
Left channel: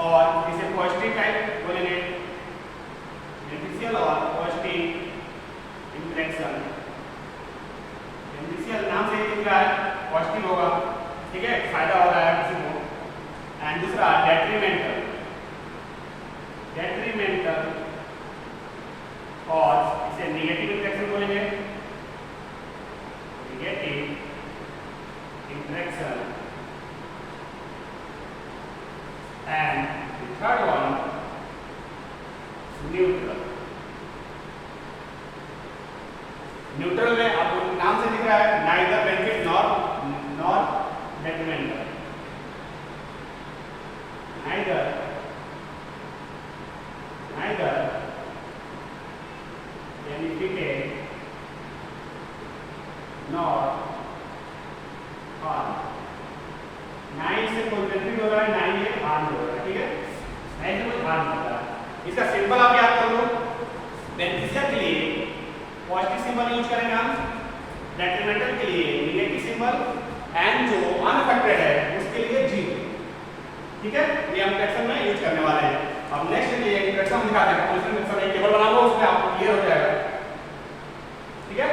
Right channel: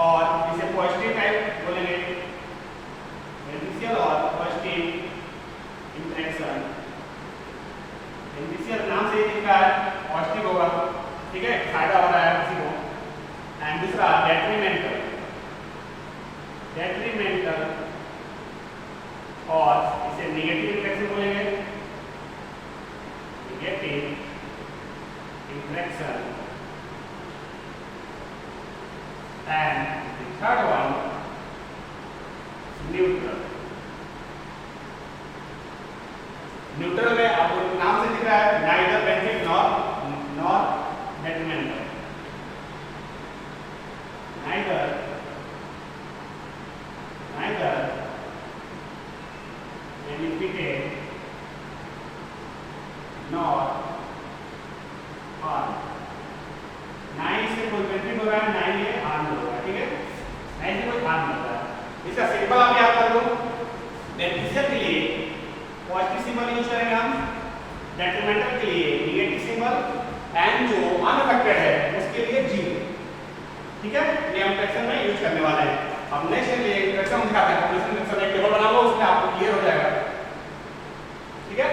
और इसे पॉजिटिव टाइप बोलेंगे, बेनिफिशियल और पॉजिटिव इंटरेक्शन। बेनिफिशियल नाम से दिख रहा है पॉजिटिव होगा, ठीक है, फायदा हो रहा है किसी को। एंड दूसरा डेट्रीमेंटल और इसे नेगेटिव इंटरेक्शन बोलेंगे, negative interaction. And third one neutral. Neutral में आपको नाम से दिख रहा है neither benefit nor डेट्रिमेंटल, neither benefited nor harm. ना इससे कोई बेनिफिट हो रहा है, ना ही ये हार्म हो रहा है, ठीक है, ना इससे कोई हार्म हो रहा है। इसका सिंबल आप याद कर लो, बेनिफिशियल के लिए पॉजिटिव सिंबल यूज करेंगे हम, डेट्रिमेंटल के लिए नेगेटिव सिंबल, एंड जो अनअफेक्टेड है उसके लिए जीरो, ठीक है। ये हम फ्रैक्शन में यूज करने वाले हैं। अब नेक्स्ट ये फ्रैक्शन दिखाते हैं, पॉपुलेशन फ्रैक्शन एक टेबल बना लो, उसमें आपको क्लियर हो जाएगा, ठीक है।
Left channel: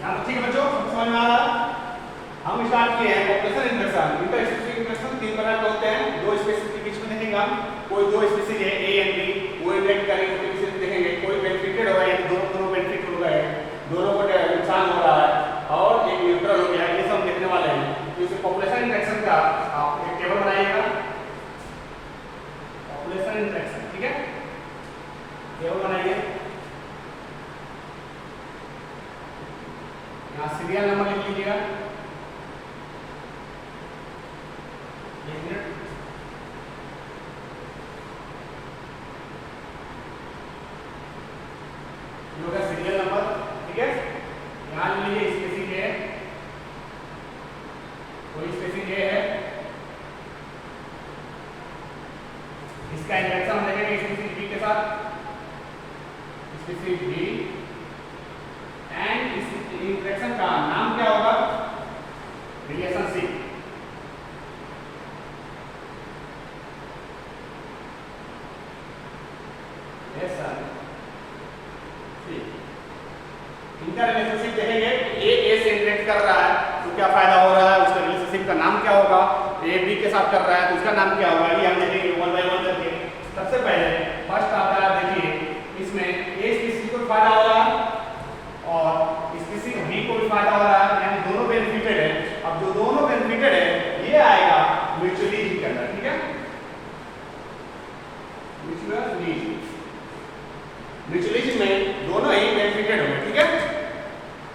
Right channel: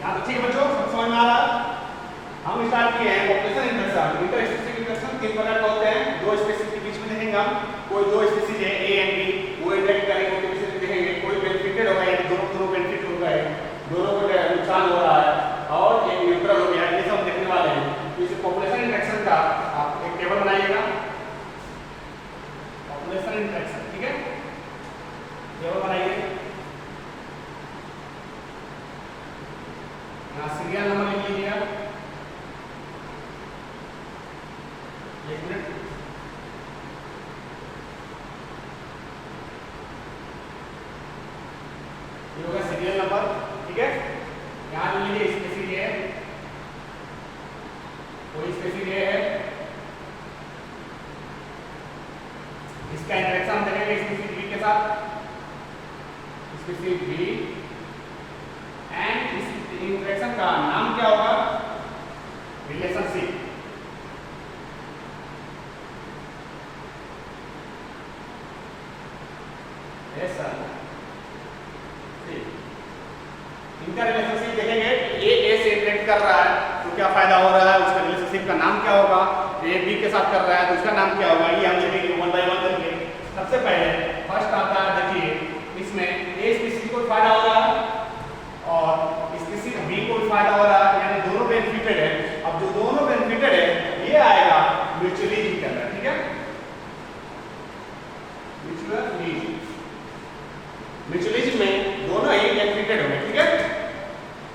यहाँ तो ठीक है बच्चों, सब समझ में आ रहा है। हम स्टार्ट किए हैं population interaction. Inter species interaction तीन प्रकार के होते हैं, दो स्पीसीज के बीच में देखेंगे हम, कोई दो स्पीसीज है ए एंड बी, वो इंटरेक्ट करेंगे, उनके बीच में देखेंगे, कोई बेनिफिटेड होगा यानी दोनों बेनिफिट हो गए, दोनों को नुकसान हो रहा है, और एक न्यूट्रल हो गया, ये सब देखने वाले हैं। तो इसे पॉपुलेशन इंटरेक्शन का आप एक टेबल बनाइएगा, पॉपुलेशन इंटरेक्शन, ठीक है, टेबल बनाइए। यहाँ सीरियल नंबर लिख लीजिएगा, एक मिनट, ये होगा सीरियल नंबर, ठीक है। यहाँ लिख लीजिए स्पीसीज ए, कोई स्पीसीज ए है, इसका इंटरेक्शन हम देखेंगे स्पीसीज बी के साथ, स्पीसीज बी, एंड इस इंटरेक्शन का नाम क्या होगा, रिलेशनशिप, इनका रिलेशनशिप देखेंगे, ए से इंटरेक्ट कर रहा है तो क्या फायदा हो रहा है, उसका रिलेशनशिप का नाम क्या होगा, ए बी के साथ कर रहा है तो उसका नाम क्या होगा, ये हम देखेंगे वन बाय वन करके। सबसे पहले फर्स्ट आता है, देखिए इसमें ए स्पीसीज को फायदा हो रहा है और स्पीसीज बी को भी फायदा हो रहा है, यानी दोनों बेनिफिटेड है। अब जो दोनों बेनिफिटेड है ये आएगा म्यूचुअलिज्म के अंदर, ठीक है, म्यूचुअलिज्म में दोनों ही बेनिफिटेड होंगे, ठीक है।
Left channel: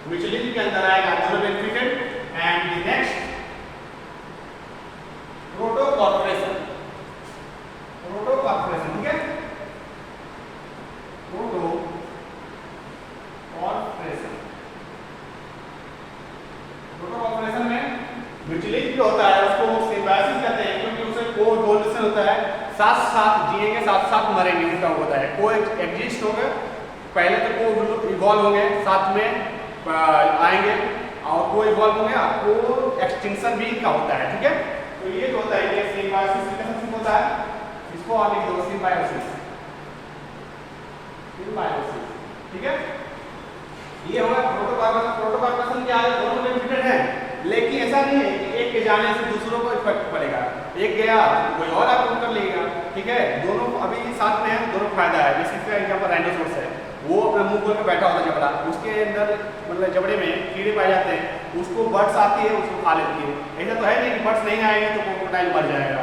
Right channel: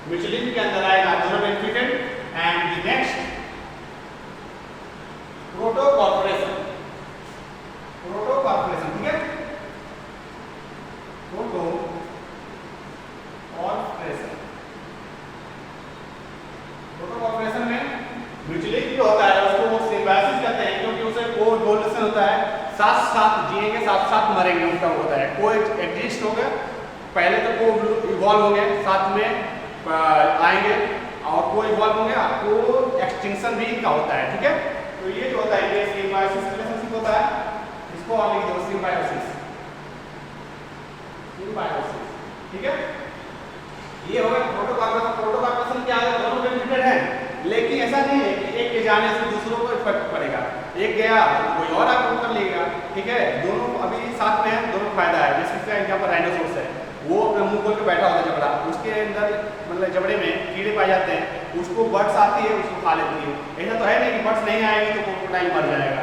म्यूचुअलिज्म के अंदर आएगा दोनों बेनिफिटेड। एंड द नेक्स्ट प्रोटोकॉर्पोरेशन, ठीक है, प्रोटोकॉर्पोरेशन में म्यूचुअलिज्म जो होता है उसको सिम्बायोसिस कहते हैं, क्योंकि उसे कोएवोल्यूशन होता है, साथ साथ जिएंगे साथ साथ मरेंगे, उनका होता है को एग्जिस्ट हो गए, पहले तो को इवॉल्व होंगे साथ में आएंगे, और को इवॉल्व होंगे, को एक्सटिंक्शन भी इनका होता है, ठीक है। तो ये जो होता है ये सिम्बायोसिस रिलेशनशिप होता है, इसको आप लिख दो सिम्बायोसिस, ठीक है। ये होगा प्रोटोकॉर्पोरेशन क्या है, दोनों बेनिफिटेड है, लेकिन ऐसा नहीं है कि एक के जाने से दूसरों को इफेक्ट पड़ेगा, एक गया तो कोई और आक्रमण कर लेगा, ठीक है। दोनों अभी साथ में है, दोनों फायदा है। जैसे इसका एग्जांपल राइनोसोरस है, वो अपना मुंह खोल के बैठा होता है जबड़ा, उसके अंदर मतलब जबड़े में कीड़े पाए जाते हैं, उसको बर्ड्स आती है उसको खा लेती है। ऐसा तो है नहीं कि बर्ड्स नहीं आएंगे तो क्रोकोडाइल मर जाएगा,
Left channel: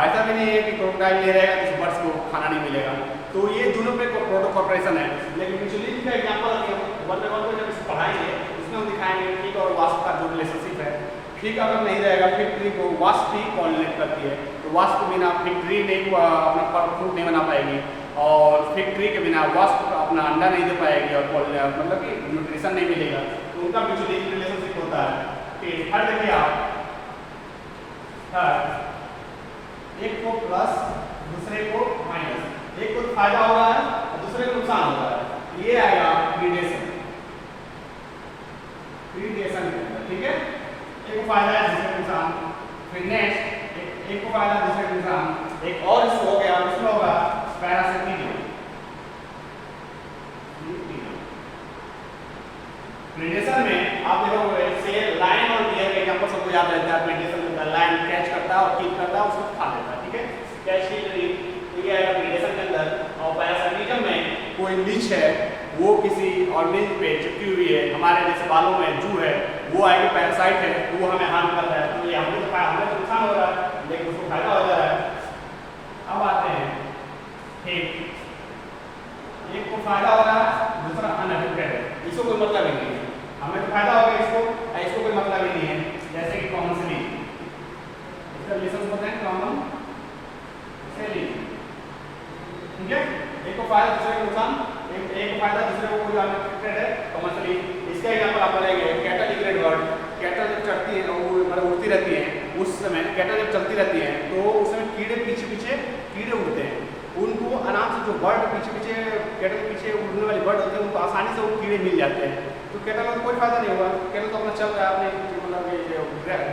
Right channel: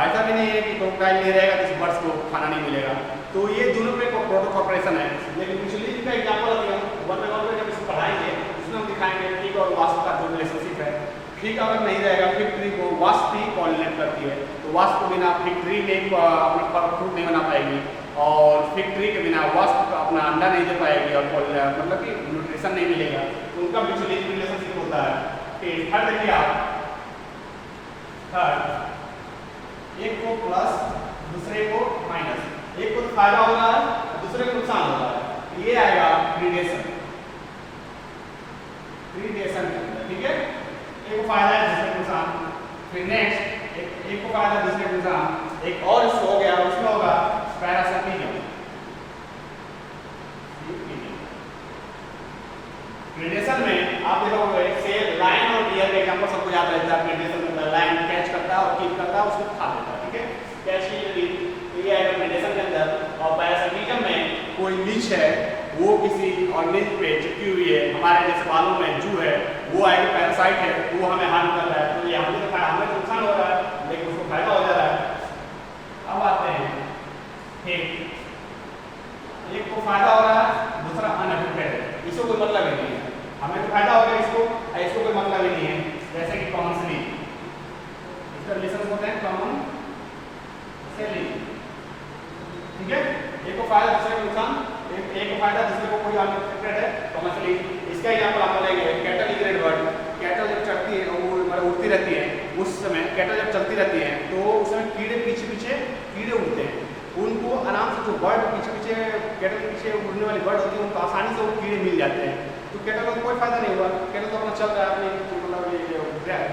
ऐसा भी नहीं है कि क्रोकोडाइल नहीं रहेगा तो बर्ड्स को खाना नहीं मिलेगा। तो ये दोनों पे प्रोटोकॉर्पोरेशन है। लेकिन म्यूचुअलिज्म का एग्जांपल अभी हम वन बाय वन जब इसको पढ़ाएंगे उसमें हम दिखाएंगे फिग और वास्प का जो रिलेशनशिप है। फिग अगर नहीं रहेगा, फिग ट्री को वास्प ही पॉलिनेट करती है, तो वास्प के बिना फिग ट्री नहीं अपना फ्रूट नहीं बना पाएगी, और फिग ट्री के बिना वास्प अपना अंडा नहीं दे पाएगी, और मतलब कि न्यूट्रिशन नहीं मिलेगा। तो उनका म्यूचुअलिज्म रिलेशनशिप होता है। थर्ड देखिए आप, थर्ड एक को प्लस दूसरे को माइनस, एक को फायदा हो रहा है और दूसरे को नुकसान हो रहा है, ये आएगा प्रीडेशन के अंदर, ठीक है। एक को फायदा है दूसरे को नुकसान, फिर नेक्स्ट एक को फायदा दूसरे को नुकसान, एक और इससे हो गया, उसमें होगा पैरासिटिज्म। प्रीडेशन में आप देखोगे से लायन और डियर का एग्जांपल सबको याद रहता है। प्रीडेशन में लायन कैच करता है और कीप करता है, उसको खा लेता है, ठीक है, कैच की यदि ये आएगा प्रीडेशन के अंदर। और पैरासिटिज्म में कोई लीच है वो किसी ऑर्गेनिज्म पे चिपकी हुई है, हमारे जैसे बालों में जू है, वो आगे पैरासाइट है, वो हमें हार्म कर रहा है, तो ये हमें तो नुकसान हो रहा है लेकिन उसको फायदा हो जा रहा है। अब आते हैं ठीक, एक को फायदा हो रहा है, दूसरा अनअफेक्टेड है, इसको कोई मतलब ही नहीं है, हमें तो फायदा हो गया इसको कोई मतलब ही नहीं है। जैसे कि कॉमन सेलिंग, इसका रिलेशन होते हैं कॉमन सेलिंग, ठीक है, एक को फायदा दूसरे को नुकसान, एक को फायदा दूसरे को कोई अनअफेक्टेड है, कॉमन सेलिंग। इसका एग्जांपल आप लेंगे कैटल ग्रेड वर्ड, कैटल जब चढ़ती है वो मतलब उड़ती रहती है, उस समय कैटल जब चलती रहती है तो उस समय कीड़े पीछे पीछे कीड़े उड़ते हैं, उनको आराम से जो बर्ड पीछे पीछे कैटल पीछे उड़ने वाली बर्ड होती है उनको आसानी से वो कीड़े मिल जाते हैं, तो कैटल को कोई फायदा नहीं हुआ, कैटल तो अपना चल रहा है अपने मतलब ये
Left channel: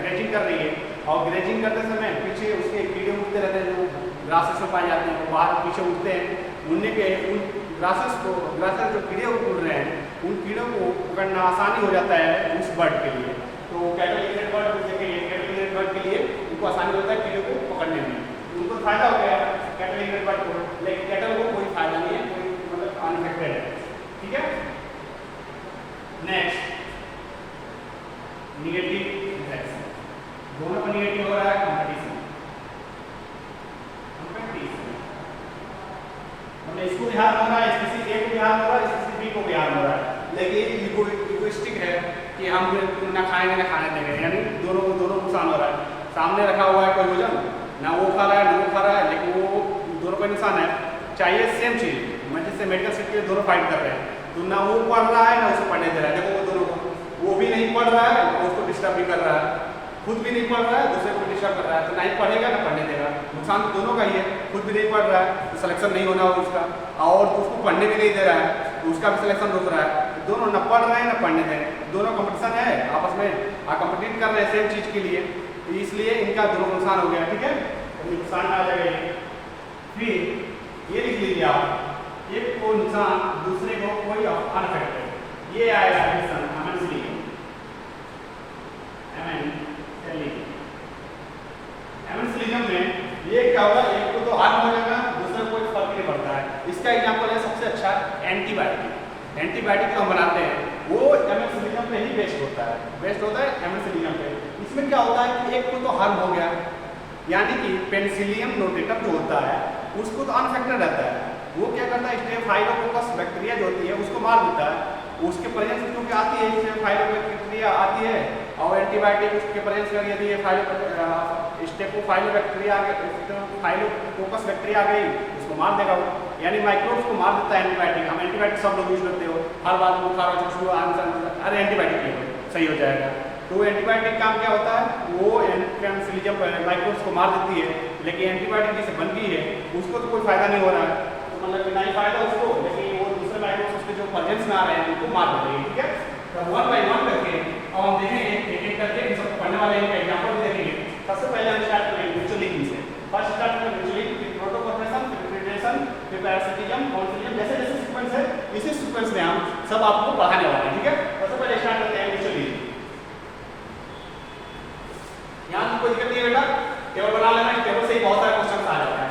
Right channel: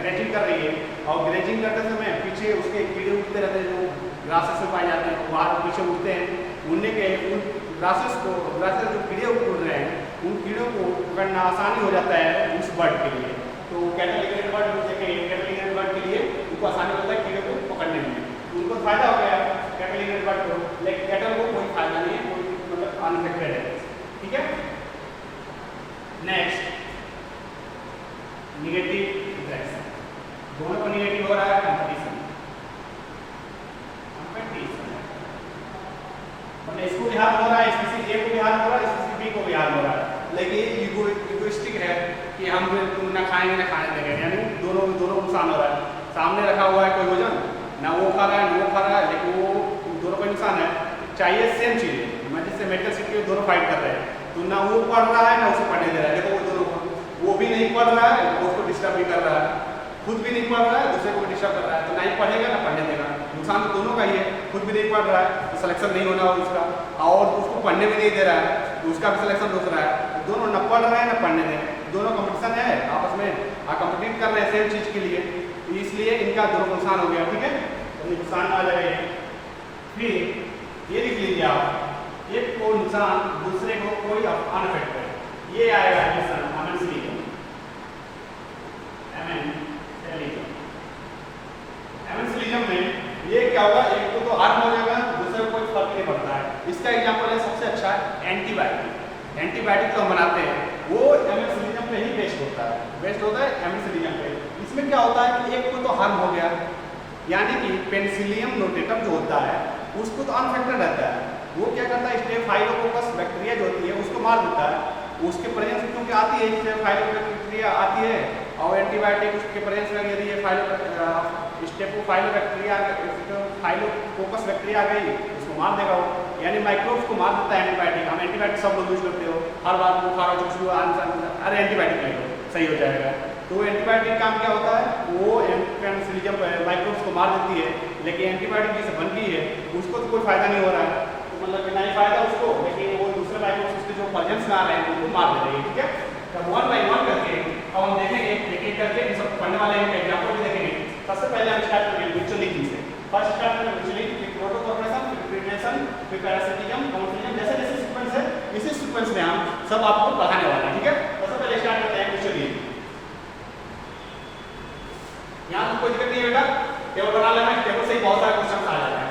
ग्रेजिंग कर रही है, और ग्रेजिंग करते समय पीछे उसके कीड़े उड़ते रहते हैं जो ग्रासेस में पाए जाते हैं, वो बाहर पीछे उड़ते हैं, उड़ने के उन ग्रासेस जो कीड़े उड़ रहे हैं उन कीड़ों को पकड़ना आसानी हो जाता है उस बर्ड के लिए। तो कैटल ग्रेड बर्ड देखेंगे, कैटल ग्रेड बर्ड के लिए उनको आसानी होता है कीड़ों को पकड़ने में, उनको फायदा हो गया कैटल ग्रेड बर्ड को, लेकिन कैटल को कोई फायदा नहीं है, कोई मतलब अनअफेक्टेड है, ठीक है। नेक्स्ट निगेटिव इंटरेक्शन, दोनों को निगेटिव हो रहा है, कंपटीशन मतलब इसको भी हार्म हो रहा है, स्पीसीज ए को भी हार्म हो रहा है, स्पीसीज बी को भी हार्म हो रहा है, लेकिन इगोइस्टिक है कि हम तुम ना खाएंगे ना खाने देंगे, यानी दोनों नुकसान हो रहा है। सामने रखा हुआ है कोई भोजन, ना वो खा रहा है ना वो खा रहा है, लेकिन वो दोनों का नुकसान है, चाहिए सेम चीज़, मैं जैसे मेडिकल सीट के लिए दोनों फाइट कर रहे हैं, तो ना वो पढ़ रहा है ना उसको पढ़ने दे रहा है, देखो वो दोनों को, वो भी नहीं पढ़ रहा है उसको डिस्टर्ब भी कर रहा है, खुद भी नहीं पढ़ रहा है दूसरे को भी डिस्टर्ब कर रहा है, तो ना ही पढ़ेगा ना पढ़ने देगा, नुकसान तो दोनों का ही है, खुद भी नहीं पढ़ रहा है तो सिलेक्शन नहीं होना हो उसका, और उसको पढ़ने भी नहीं दे रहा है तो उसका भी सिलेक्शन रुक रहा है, तो दोनों न पढ़ रहे हैं न पढ़ने दे रहे हैं, दोनों कंपटीशन है आपस में, कंपटीट कर रहे हैं सेम चीज़ के लिए, तो इसलिए इनका दोनों को नुकसान हो गया, ठीक है, तो नुकसान आ जाएगा ये। फिर ये लिख लीजिए आप, एक को नुकसान दूसरे को कोई अनअफेक्टेड, ये आएगा एमेंसिलिज्म में ये क्या होगा, एक को तो हार्म हो जाएगा दूसरे को कोई फर्क नहीं पड़ता है। इसका एग्जांपल है सबसे अच्छा एंटीबायोटिक, एंटीबायोटिक तो हम बनाते हैं वो एमेंसिलिज्म पे ही बेस्ड होता है एमेंसिलिज्म पे। इसमें क्या होता है कि एक को तो हार्म हो गया, यानी कि पेनिसिलियम नोटेटम जो होता है उसको तो अनअफेक्टेड रहता है, वो क्या करता है स्टेफाइलोकोकस बैक्टीरिया जो होती है उसको मार देता है, उसके प्रेजेंस में क्योंकि आती है स्टेफाइलोबैक्टीरिया आती है, और एंटीबायोटिक उसके प्रेजेंस में यदि ये स्टेफाइलोबैक्टीरिया फाइलोकोकस बैक्टीरिया आ गई उसको मार देगा वो, यानी माइक्रोब्स को मार देता है एंटीबायोटिक। हम एंटीबायोटिक सब लोग यूज करते हो, हर बार बुखार हो कुछ अरे एंटीबायोटिक ले लो सही हो जाएगा, तो एंटीबायोटिक काम क्या होता है वो पेनिसिलियम माइक्रोब्स को मार देती है, लेकिन एंटीबायोटिक जिसे बन गई है उसको तो कोई फायदा नहीं हो रहा है, तो मतलब ना ही फायदा उसको, लेकिन वो दूसरे माइक्रोब्स उसके जो प्रेजेंस में आ रहे हैं उनको मार दे रही है, ठीक है। तो 1 बाय 1 करके अब हम देखेंगे एक एक करके इन सबको पढ़ने वाले हैं, एग्जांपल भी देखेंगे। सबसे पहले हम स्टार्ट करेंगे म्यूचुअलिटी से, फर्स्ट स्टार्ट करेंगे म्यूचुअलिटी, फिर प्रोटोकॉर्पोरेशन, फिर प्रीडेशन, फिर पैरासिटिज्म, काउंसिलिज्म, जैसे जैसे सीक्वेंस है इसी सीक्वेंस में हम सब आपको पढ़ाने वाले हैं, ठीक है। सबसे पहले स्टार्ट करते हैं म्यूचुअलिटी। यहाँ कोई दिक्कत नहीं है बेटा, टेबल बना लेना, इस टेबल से ही बहुत सारे क्वेश्चन आ जाता है।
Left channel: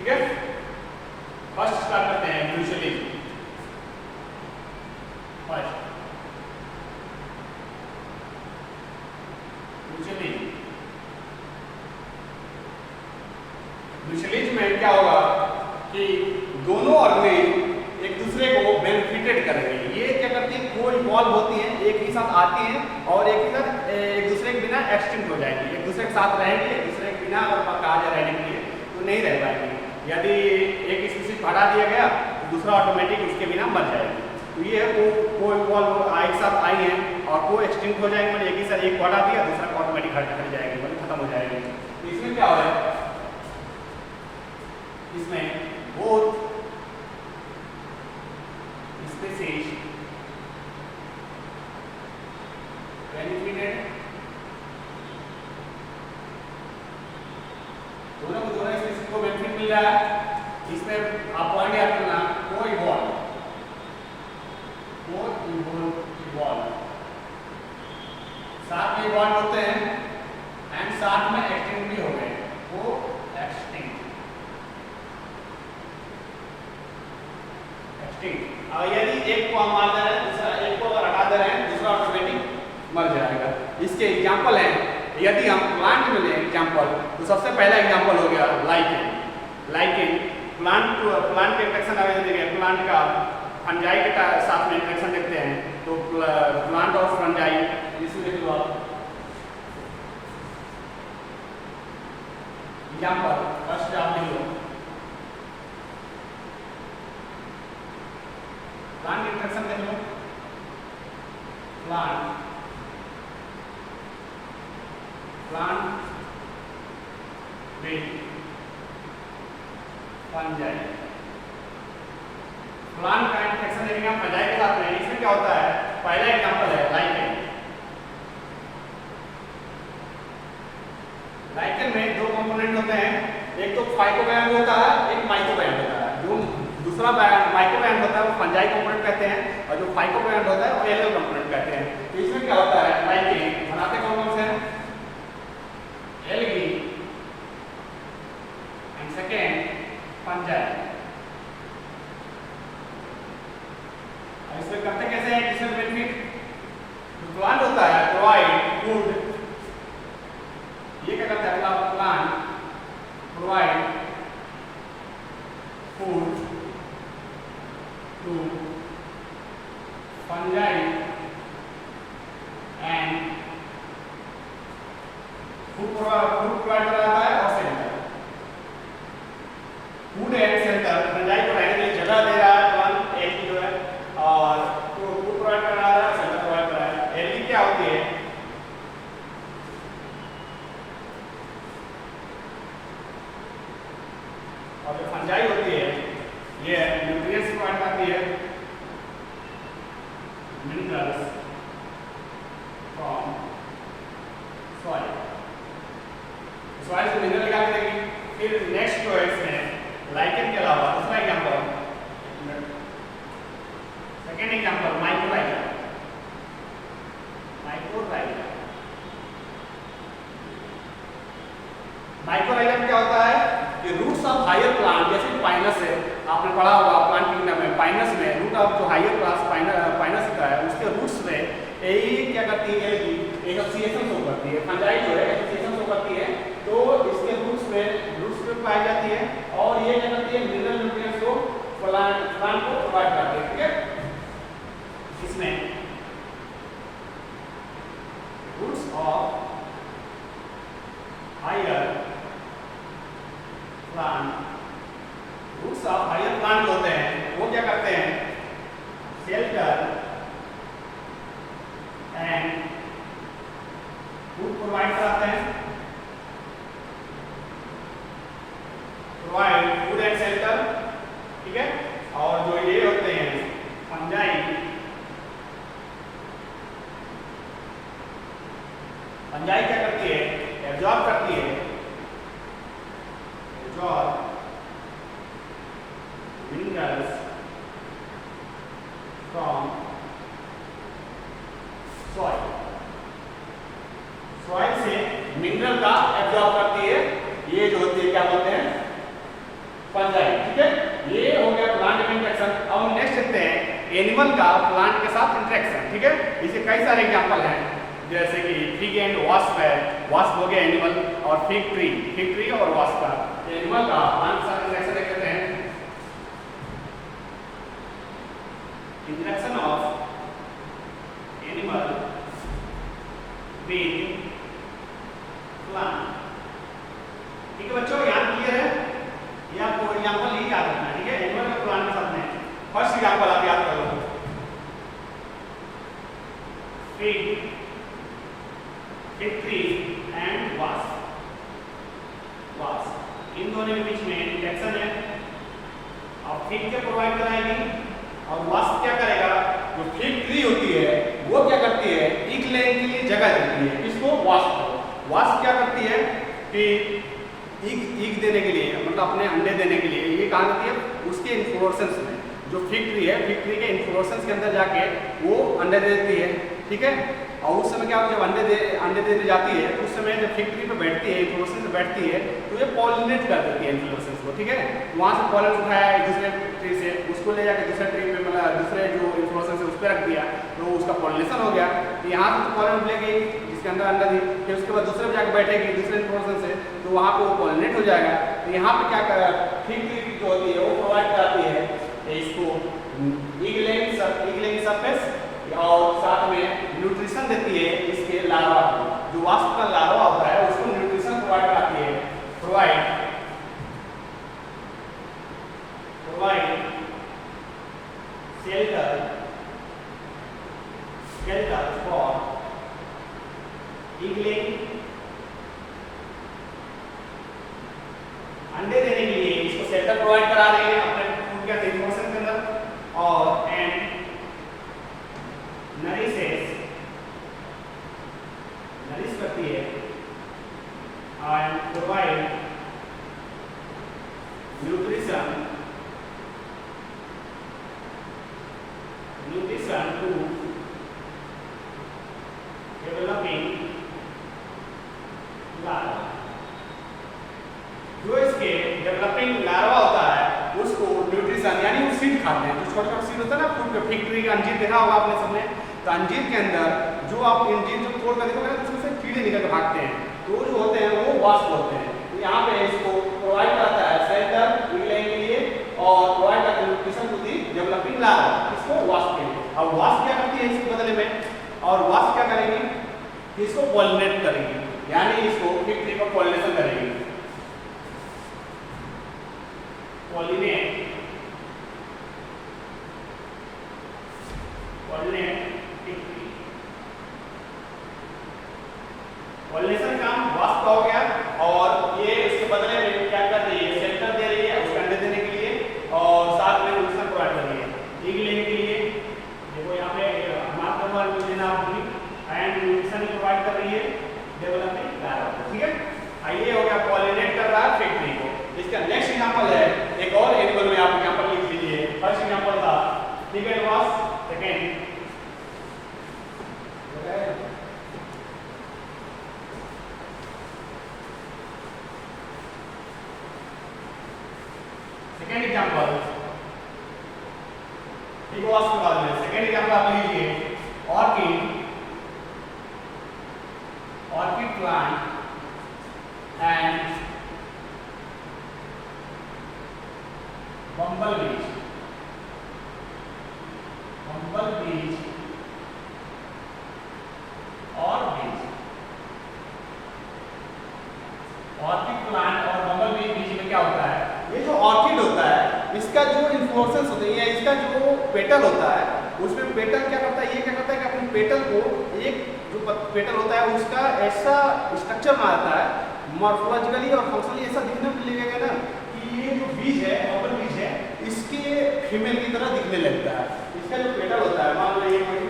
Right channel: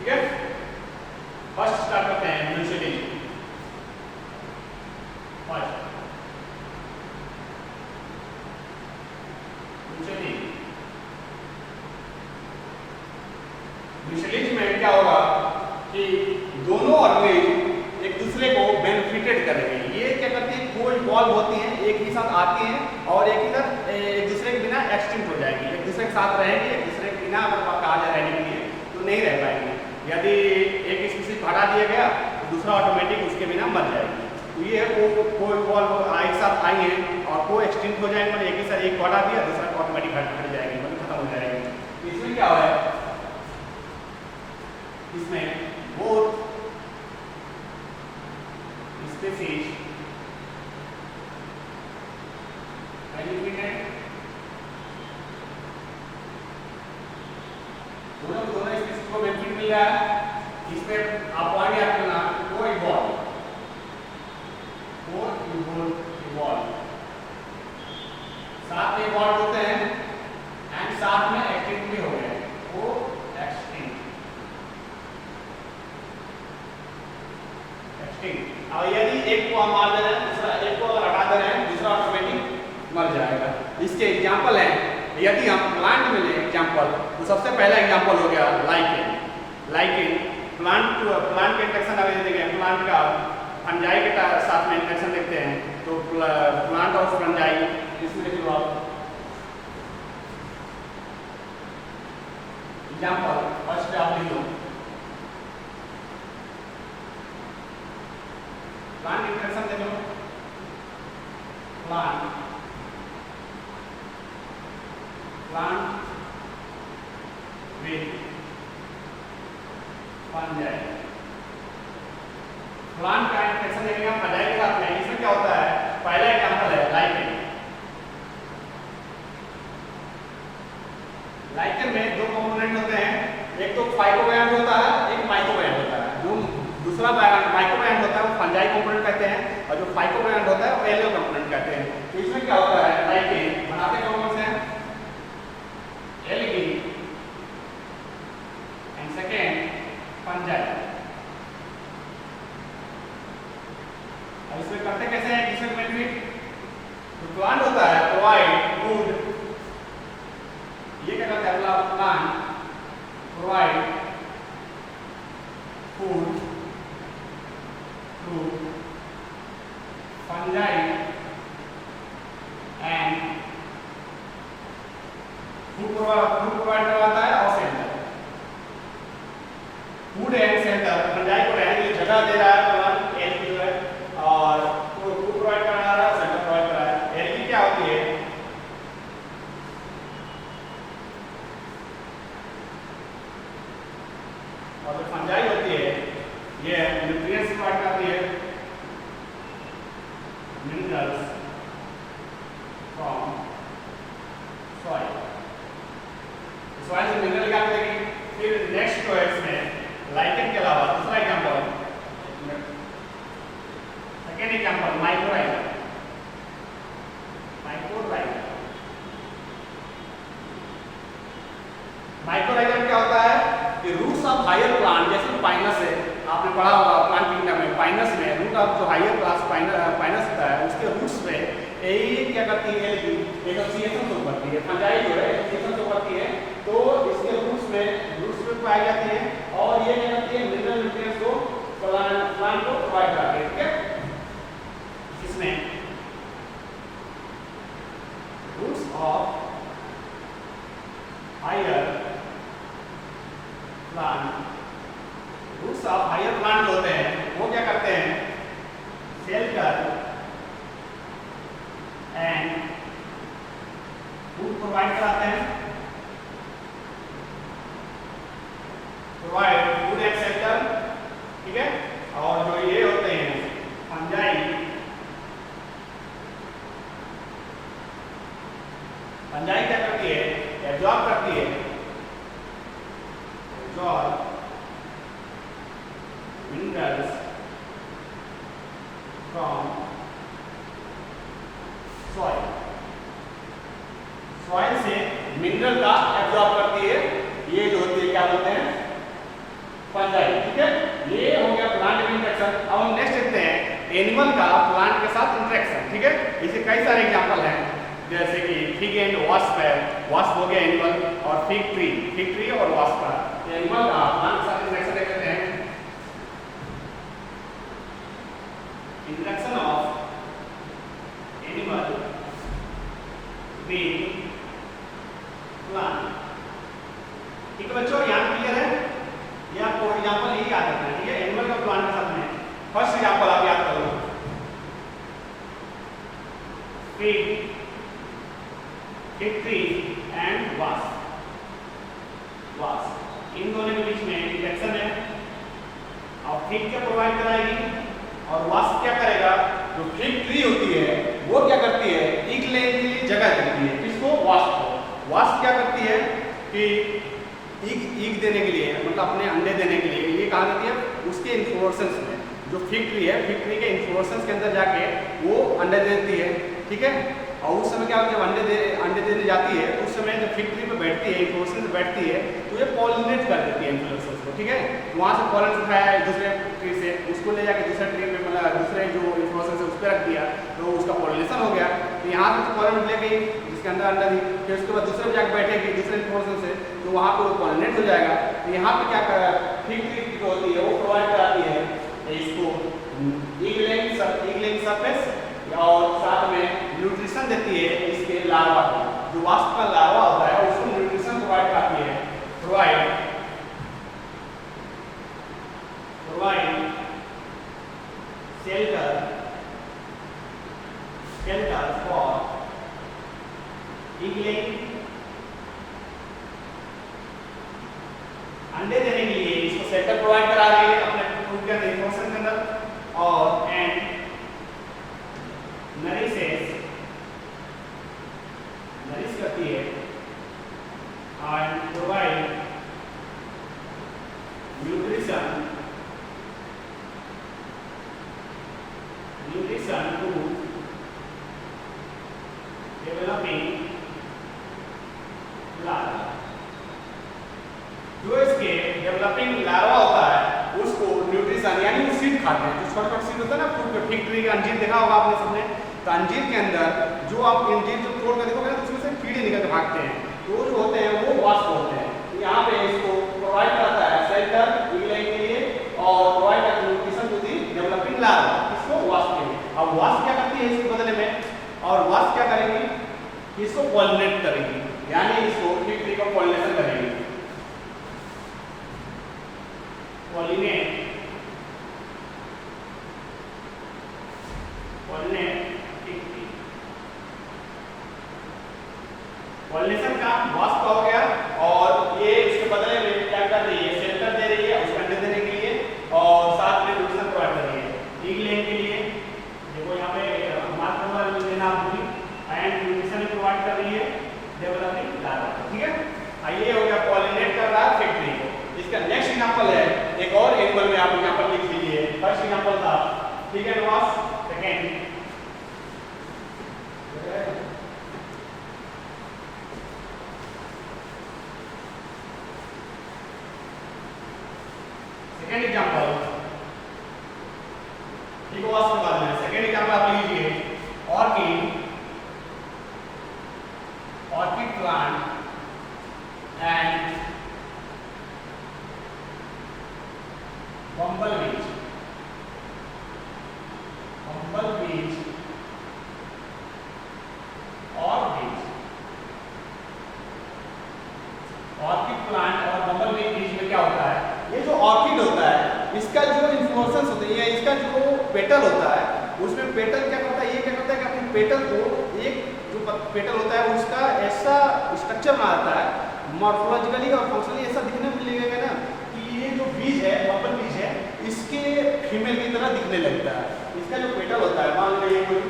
ठीक है, फर्स्ट स्टार्ट करते हैं म्यूचुअलिटी। फर्स्ट म्यूचुअलिटी में क्या होगा कि दोनों ऑर्गेनिज्म एक दूसरे को बेनिफिटेड करेंगे। ये क्या करती है, को इवॉल्व होती हैं, एक ही साथ आती हैं और एक दूसरे के बिना एक्सटिंक्ट हो जाएंगी, एक दूसरे के साथ रहेंगे, एक दूसरे के बिना अगर कहा जाए रहने के लिए तो नहीं रह पाएंगे। यदि एक स्पीशीज हटा दिया गया तो दूसरा ऑटोमेटिक उसके बिना मर जाएगी। तो ये को इवॉल्व एक साथ आई हैं और को एक्सटिंक्ट हो जाएंगे, मतलब एक ही साथ एक को हटा दिया दूसरा को ऑटोमेटिक हट जाएगी, मतलब खत्म हो जाएगी। इसमें क्या हो रहा है, इसमें both species benefited, दोनों स्पीशीज को बेनिफिट मिल रहा है। इसमें आप पॉइंट याद करना, को इवॉल्व को इवॉल्व, साथ में इवॉल्व होते हैं एंड साथ में एक्सटिंक्ट भी हो गए, वो एक्सटिंक्ट। और यदि एक को हम मार दे रहे हैं, दूसरा एक को अगर हटा दे रहे हैं, दूसरा ऑटोमेटिक मर जाएगा। इसके एग्जाम्पल हैं, यदि हम प्लांट में लें एग्जाम्पल, तो सबसे पहला एग्जाम्पल हो गया लाइकेन। लाइकेन प्लांट के इंट्रैक्शन अगर देखें, प्लांट का फंजाई के साथ में इंट्रैक्शन देखते हैं, तो प्लांट और फंजाई, इसमें देख लो आप एग्जाम्पल, फर्स्ट आप देख लो प्लांट इंट्रैक्शन देख लो, प्लांट with fungi, प्लांट का इंट्रैक्शन देखेंगे हम फंजाई के साथ में। इसमें क्या होता है, पहला एग्जांपल है लाइकेन। लाइकेन में दो कंपोनेंट होते हैं, एक तो फाइकोबैंड होता है, एक माइकोबैंड होता है। जो दूसरा माइकोबैंड होता है वो फंजाई कंपोनेंट कहते हैं, और जो फाइकोबैंड होता है वो एल्गल कंपोनेंट कहते हैं। तो इसमें क्या होता है, लाइकेन बनाते कौन से हैं, एल्गी एंड सेकेंड फंजाई। अब इसमें करते कैसे हैं, किसमें बेनिफिट, जो प्लांट होता है प्रोवाइड फूड, ये क्या करता है, अगला plant provide food to fungi and food provide करवाता है और shelter. Food and shelter, fungi को रहने के लिए जगह दे रहा है प्लांट, एल्गी जो है, और फूड प्रोवाइड करा रहा है, सेल्टर प्रोवाइड करा रहा है। एल्गी क्या होती है, और जो फंजाई होती है ये न्यूट्रिएंट्स प्रोवाइड करती है, मिनरल्स फ्रॉम सॉइल। सॉइल से मिनरल निकाल के देखेंगे। फिर नेक्स्ट तो इसमें लाइकेन के अलावा दूसरा example, second example mycorrhiza. Mycorrhiza में क्या होता है कि रूट्स ऑफ हायर प्लांट, जैसे पाइनस है, आपने पढ़ा होगा प्लांट किंगडम में, पाइनस में रूट ऑफ जो हायर क्लास पाइनस होता है, उसके रूट्स में यही क्या करती है, एल्गी एसोसिएशन शो करती है, फंजाई जो है एसोसिएशन शो करती है, तो इसके रूट्स में पाई जाती है, और ये क्या करती है, मिनरल न्यूट्रिएंट्स को प्लांट को प्रोवाइड करती है। ठीक है, इसमें roots of higher plant, roots of higher plant होते हैं, वो क्या करते हैं, शेल्टर एंड फूड प्रोवाइड कराते हैं, प्रोवाइड फूड एंड शेल्टर। ठीक है, और जो ये होते हैं फंजाई, फंजाई क्या करती है, एब्जॉर्ब करती है, absorb minerals from soil. Soil से मिनरल का एब्जॉर्ब करती है, ये जो होती है क्या बोलते हैं, फंजाई। ठीक है, ये हो गया प्लांट में इंट्रैक्शन। अब हम नेक्स्ट देखते हैं एनिमल का प्लांट के साथ इंट्रैक्शन। ठीक है, इसके कई सारे एग्जांपल हैं, जैसे कि फिग एंड वास्प है, वास्प हो गया एनिमल, और फिग ट्री और वास्प का एनिमल का प्लांट के साथ इंट्रैक्शन देखते हैं। Interaction of animal with plant. ठीक है बच्चों, यहाँ क्लियर है, ये आपको एग्जांपल यही याद रखना है। ठीक है, एनिमल का प्लांट के साथ में फर्स्ट एग्जांपल आप याद करो, फिग ट्री एंड वास्प। इन दोनों के बीच में इंट्रैक्शन है, और फिग क्या प्रोवाइड कराएगी, और वास्प क्या करेगा, जो फिग ट्री होती है वो क्या करती है, ईग लेने के लिए जगह देती है, किसको, वास्प को। वास्प क्या करती है कि ईग देने के लिए, मतलब अपने अंडे देने के लिए, ये कहाँ देती है, उसके इन्फ्लोरेसेंस में, जो फिग ट्री है, फिग ट्री के इन्फ्लोरेसेंस के अंदर जाके वो अंडे दे देती है, ठीक है। और उस समय क्या होता है, जब अंडे देने जाती है तो उस समय जब फिग ट्री पे बैठती है, इन्फ्लोरेसेंस पे बैठती है, तो ये पॉलिनेट कर देती है इन्फ्लोरेसेंस को, ठीक है। तो वहाँ से पॉलन उठाया है दूसरे ट्री से, उसको ले जाके दूसरे ट्री पे मतलब दूसरे जो इन्फ्लोरेसेंस है उस पर रख दिया, तो उसका पॉलिनेशन हो गया। तो यहाँ से तो पॉलन ले गई जिसके अंदर अंडा थी, फिर उसके बाद दूसरे पे जाकर बैठेगी दूसरे इन्फ्लोरेसेंस से, तो वहाँ पे वो पॉलिनेट हो जाएगा। तो यहाँ पे क्या फिग ट्री जो होती है वो प्रोवाइड कराती है इसको इगलिंग सरफेस और साथ में न्यूट्रिशन देती है इसके लार्वा को, जो वास्प का लार्वा होता है उसको न्यूट्रिशन प्रोवाइड कराती है, प्रोवाइड shelter for इगलिंग, अंडे देने के लिए इसको शेल्टर प्रोवाइड करा रही है अपने फूड के इन्फॉर्मेशन के अंदर, और एंड नरिश करती है and provide nutrition to developing larva. जो इसके डेवलपिंग लार्वा होता है उसको न्यूट्रिशन यानी वो सीड खाते हैं, जो छोटा छोटा सीड होता है ना फूड के, फिग ट्री का अंजीर देखा होगा आपने सबने, तो अंजीर के अंदर जो आप अंजीर जो तोड़ कर देखोगे ना तो उसमें से कीड़े निकल के भागते हैं, तो जो होते हैं वो वास्प होते हैं। तो यहाँ पे इसको प्रोवाइड करता है शेल्टर इगलिंग के लिए और प्रोवाइड करता है nutrition to the developing larva, इसको वास्प के लिए। अब वास्प क्या करती है इसके बदले में, और वास्प क्या करेगी, इसको पॉलिनेट करेगी, यानी इसको फिग ट्री का पॉलिनेशन करेगी, पॉलिनेट पॉलिनेशन का वास्प का हो गया, और ये उसके बदले में क्या कर रही है, शेल्टर दे रही है उसको अंडे देने के लिए, और साथ में न्यूट्रिशन प्रोवाइड कर रही है इगलिंग के लिए। देखो यहाँ पे मार्क नंबर देना आपकी, एंड न्यूट्रिशन प्रोवाइड कर रही है डेवलपिंग लार्वा, ठीक है। ये हो गया पॉलिनेट कर रहा है फिग ट्री को। इसका नेक्स्ट एग्जांपल है एक और एनिमल में, आप यहाँ पर लिख लीजिए। फर्स्ट एग्जांपल था चिकन वास्प, सेकेंड एग्जांपल ठीक है, वास्प के बाद में सेकेंड एग्जांपल आप लीजिए ऑर्किड प्लांट एंड बम्बल बीज और बीज। ऑर्किड प्लांट और बम्बल बीज में क्या होता है, ये जो ऑर्किड होता है इसका जो इन्फ्लोरेसेंस होता है, इसका जो पेटल होता है उसमें पेटल क्या करता है, ये क्या करता है कि अपने पेटल को, एक जो पेटल होता है उसका ऐसा स्ट्रक्चर बना देता है मॉर्फोलॉजिकली और फंक्शनली ऐसा दिखने में लगेगा ना कि ये जो बीज है, बम्बल बीज है, इसके फीमेल की तरह दिखने लगता है। इसका जो पेटल होता है, मान लो ये कोई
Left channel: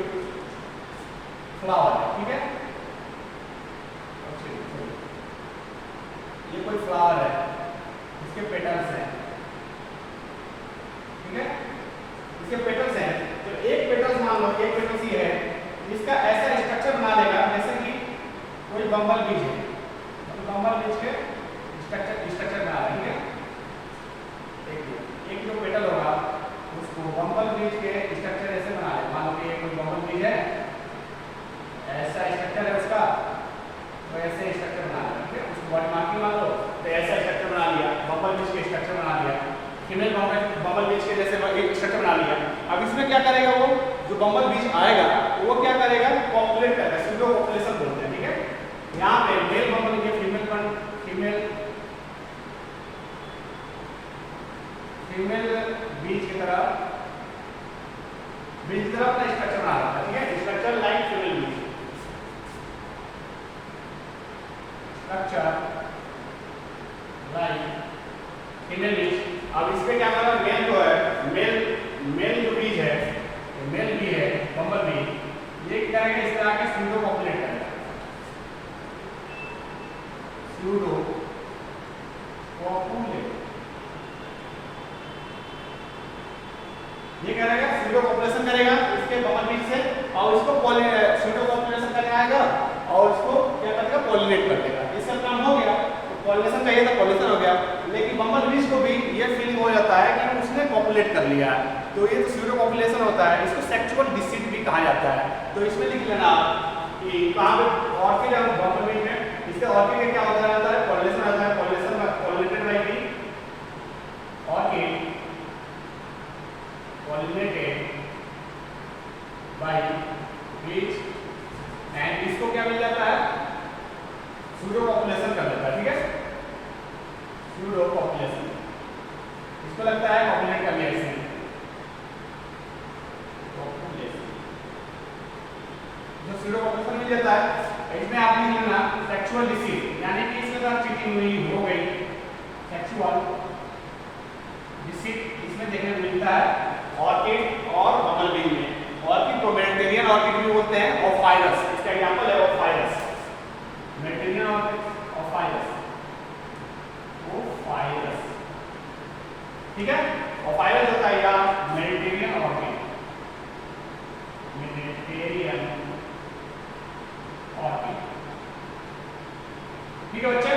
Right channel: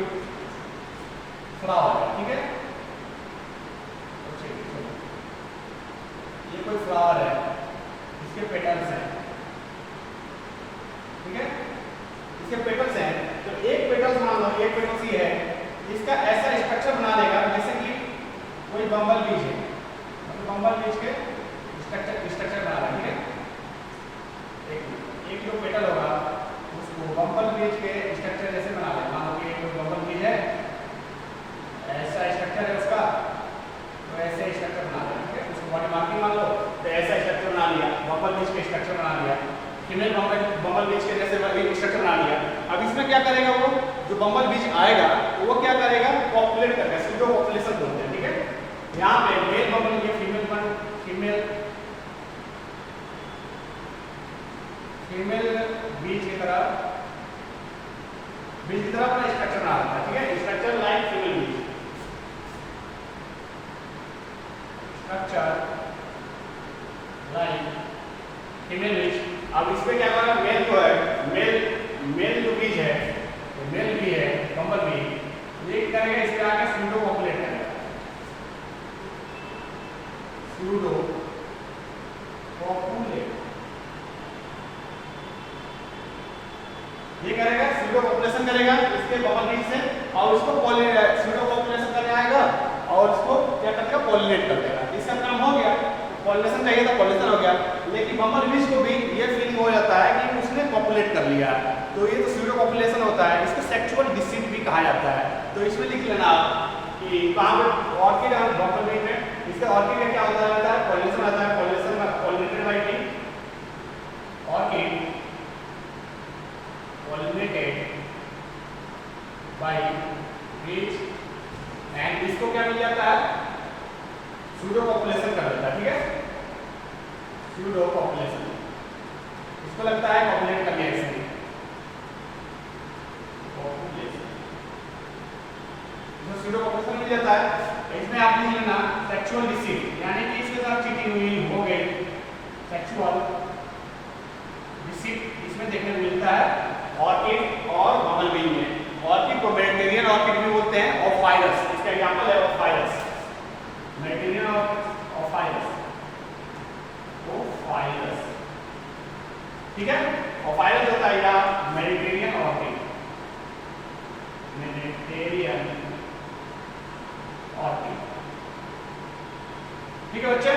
फ्लावर है, ठीक है, ये कोई फ्लावर है, इसके पेटल्स हैं, ठीक है, इसके पेटल्स हैं, तो एक पेटल्स मान लो, एक पेटल्स ही है, इसका ऐसा स्ट्रक्चर बना देगा जैसे कि कोई बम्बल बीज है, मतलब बम्बल बीज के स्ट्रक्चर बना रहा है, ठीक है। एक जो पेटल होगा उसको बम्बल बीज के स्ट्रक्चर जैसे बना ले, मान लो कि कोई बम्बल बीज है, ऐसा स्ट्रक्चर है उसका, तो ऐसे स्ट्रक्चर बना लिया, ठीक है, उसको बॉडी मार्किंग मान लो, तो ऐसा स्ट्रक्चर बना लिया, बम्बल बीज के स्ट्रक्चर बना लिया, फीमेल बम्बल बीज के जैसे स्ट्रक्चर बना लिया। अब इसमें क्या करेगा, वो जो बम्बल बीज आएगा वो क्या करेगा, पॉपुलेट करेगा, सूडो पॉपुलेशन बोलते हैं, ठीक है। यहाँ पे मेल बम्बल, ये फीमेल बीज की तरह अपना स्ट्रक्चर बना रहा है, ठीक है, स्ट्रक्चर लाइक फीमेल बीज, स्ट्रक्चर लाइक फीमेल बीज। अब इसमें क्या करना है, मेल जो है, मेल जो बीज है, मेल बी है बम्बल बी, ये क्या करेगा, इसके आगे सूडो पॉपुलेट करेगा, सूडो पॉपुलेट, करेगा इसके बबल बीच से और उसको स्यूडो पॉपुलेशन करने आएगा और उसको क्या कर देगा, पॉलिनेट कर देगा। इसका काम हो गया, पॉलिनेशन चाहिए था, पॉलिनेशन हो गया। लेकिन बम्बल बीज को भी ये फीलिंग हो जाता है कि उसने पॉपुलेट कर लिया है, तो ये तो स्यूडो पॉपुलेशन होता है, इसको सेक्सुअल डिसीट भी कहा जाता है। तो इसमें लिख लेना आप कि कहाँ पे ऑर्किड और बम्बल बीज में, इससे ऑर्किड का क्या होता रहता है, पॉलिनेशन आता है, पॉलिनेशन का pollinated by bee, orchid pollinated by bees, and इसको क्या मिल जाता है, स्यूडो पॉपुलेशन कर देता है। ठीक है, स्यूडो पॉपुलेशन, इसको लगता है पॉपुलेट कर लिया इसने, पॉपुलेशन जो स्यूडो पॉपुलेशन मिल जाता है। इसमें आप लिख लेना सेक्सुअल डिसीज, यानी कि इसके साथ चीटिंग हुई हो गई, सेक्सुअल डिसीज इसमें देखने को मिलता है ऑर्किड और बबल बी में। ऑर्किड को मेडिटेरियन ऑर्किड भी बोलते हैं और फाइरस, इसका एग्जांपल है ऑफाइरस, मेडिटेरियन ऑर्किड ऑफाइरस, ऑफाइरस। ठीक है, ऑफाइरस होता है या मेडिटेरियन ऑर्किड, मेडिटेरियन ऑर्किड। ठीक है बच्चे,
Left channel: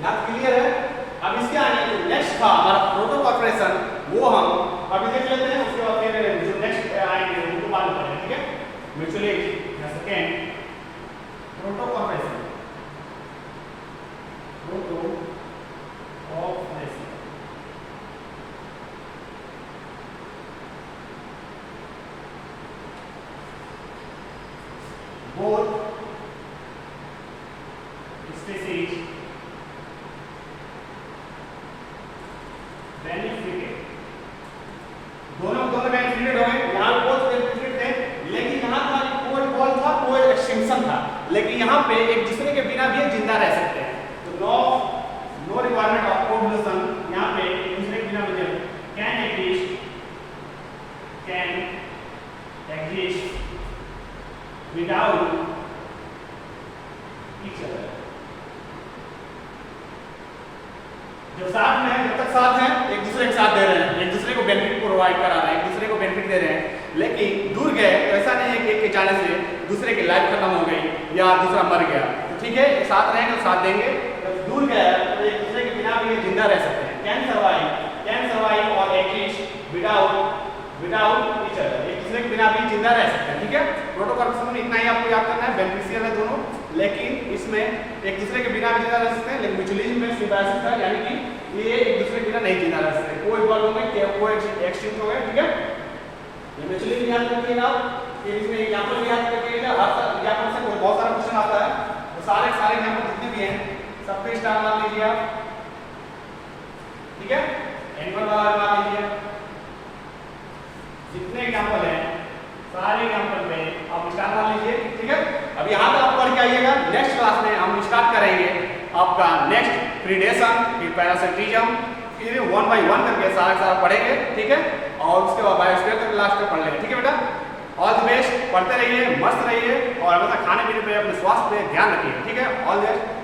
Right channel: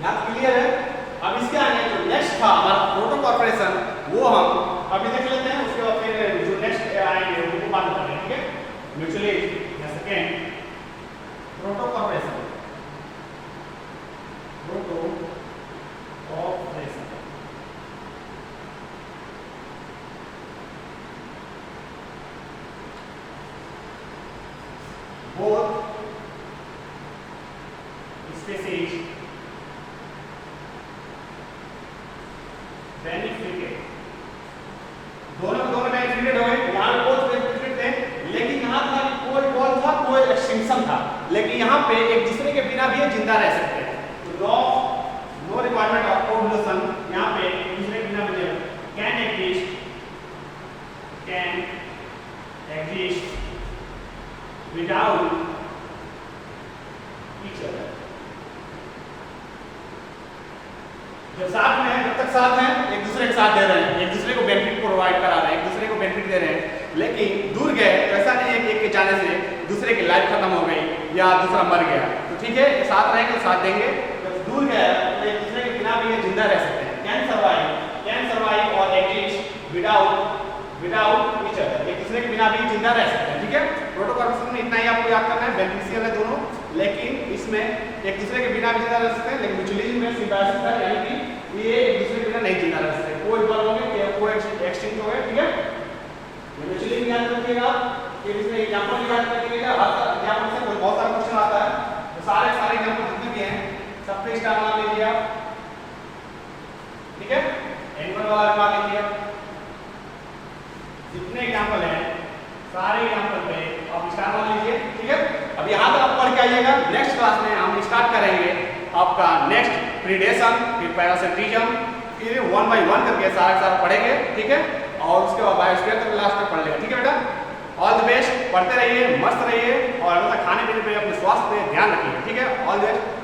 यहाँ क्लियर है। अब इसके आगे जो नेक्स्ट था हमारा प्रोटोकॉर्पोरेशन, वो हम अभी देख लेते हैं, उसके बाद फिर जो नेक्स्ट आएंगे उनको मालूम करेंगे। ठीक है, म्यूचुअल एड या सेकेंड प्रोटोकॉर्पोरेशन, प्रोटोकॉर्पोरेशन both species benefited, दोनों बेनिफिटेड हो गए। यहाँ बोथ बेनिफिटेड थे, लेकिन यहाँ था कोई बॉल था, कोई एक्सटिंक्शन था, लेकिन यहाँ पे एक दूसरे के बिना भी जिंदा रह सकते हैं। तो नो रिक्वायरमेंट ऑफ कोएवोल्यूशन, यहाँ पे एक दूसरे के बिना भी can exist without each other। जब साथ में है, जब तक साथ हैं, एक दूसरे के साथ दे रहे हैं, एक दूसरे को बेनिफिट प्रोवाइड करा रहे हैं, एक दूसरे को बेनिफिट दे रहे हैं। लेकिन दूर गए तो ऐसा नहीं है कि एक के जाने से दूसरे की लाइफ खत्म हो गई या दूसरा मर गया, तो ठीक है साथ रहेंगे तो साथ देंगे। जब दूर गए तो एक दूसरे के बिना भी जिंदा रह सकते हैं, कैन सर्वाइव और एग्जिस्ट विदाउट ईच अदर, एक दूसरे के बिना भी जिंदा रह सकते हैं। ठीक है, प्रोटोकॉर्पोरेशन में इतना ही आपको याद करना है, बेनिफिशियल है दोनों, लेकिन इसमें एक दूसरे के बिना भी जिंदा रह सकते हैं। लेकिन म्यूचुअलिज्म में सिम्बायोसिस है, यानी कि ये एक दूसरे के बिना नहीं जिंदा रह सकते, कोई बल होंगे, कोई एक्सटिंक्ट हो गए। ठीक है, ये म्यूचुअलिज्म याद रखिएगा, फिर इसमें एग्जांपल भी याद रखिएगा। हर एग्जांपल से कोई बहुत सारा क्वेश्चन आता है, तो सारे एग्जांपल जितने भी हैं सब पे स्टार लगा लीजिए आप। ठीक है, एनिमल वाला लगा लीजिए, जितने एग्जांपल हैं सारे एग्जांपल पे आप स्टार मान लीजिए। ठीक है, अब यहाँ तक आप पढ़ के आइएगा। नेक्स्ट क्लास में हम स्टार्ट करेंगे आपका नेक्स्ट प्रीडेशन, फिर पैरासिटिज्म, फिर 1 by 1 करके सारा पढ़ेंगे। ठीक है, और उसके बाद बायोस्फीयर तक लास्ट तक पढ़ लेंगे। ठीक है बेटा, ऑल द बेस्ट, पढ़ते रहिए, मस्त रहिए और हमेशा खाने पीने पे अपने स्वास्थ्य पे ध्यान रखिए। ठीक है, ऑल द बेस्ट।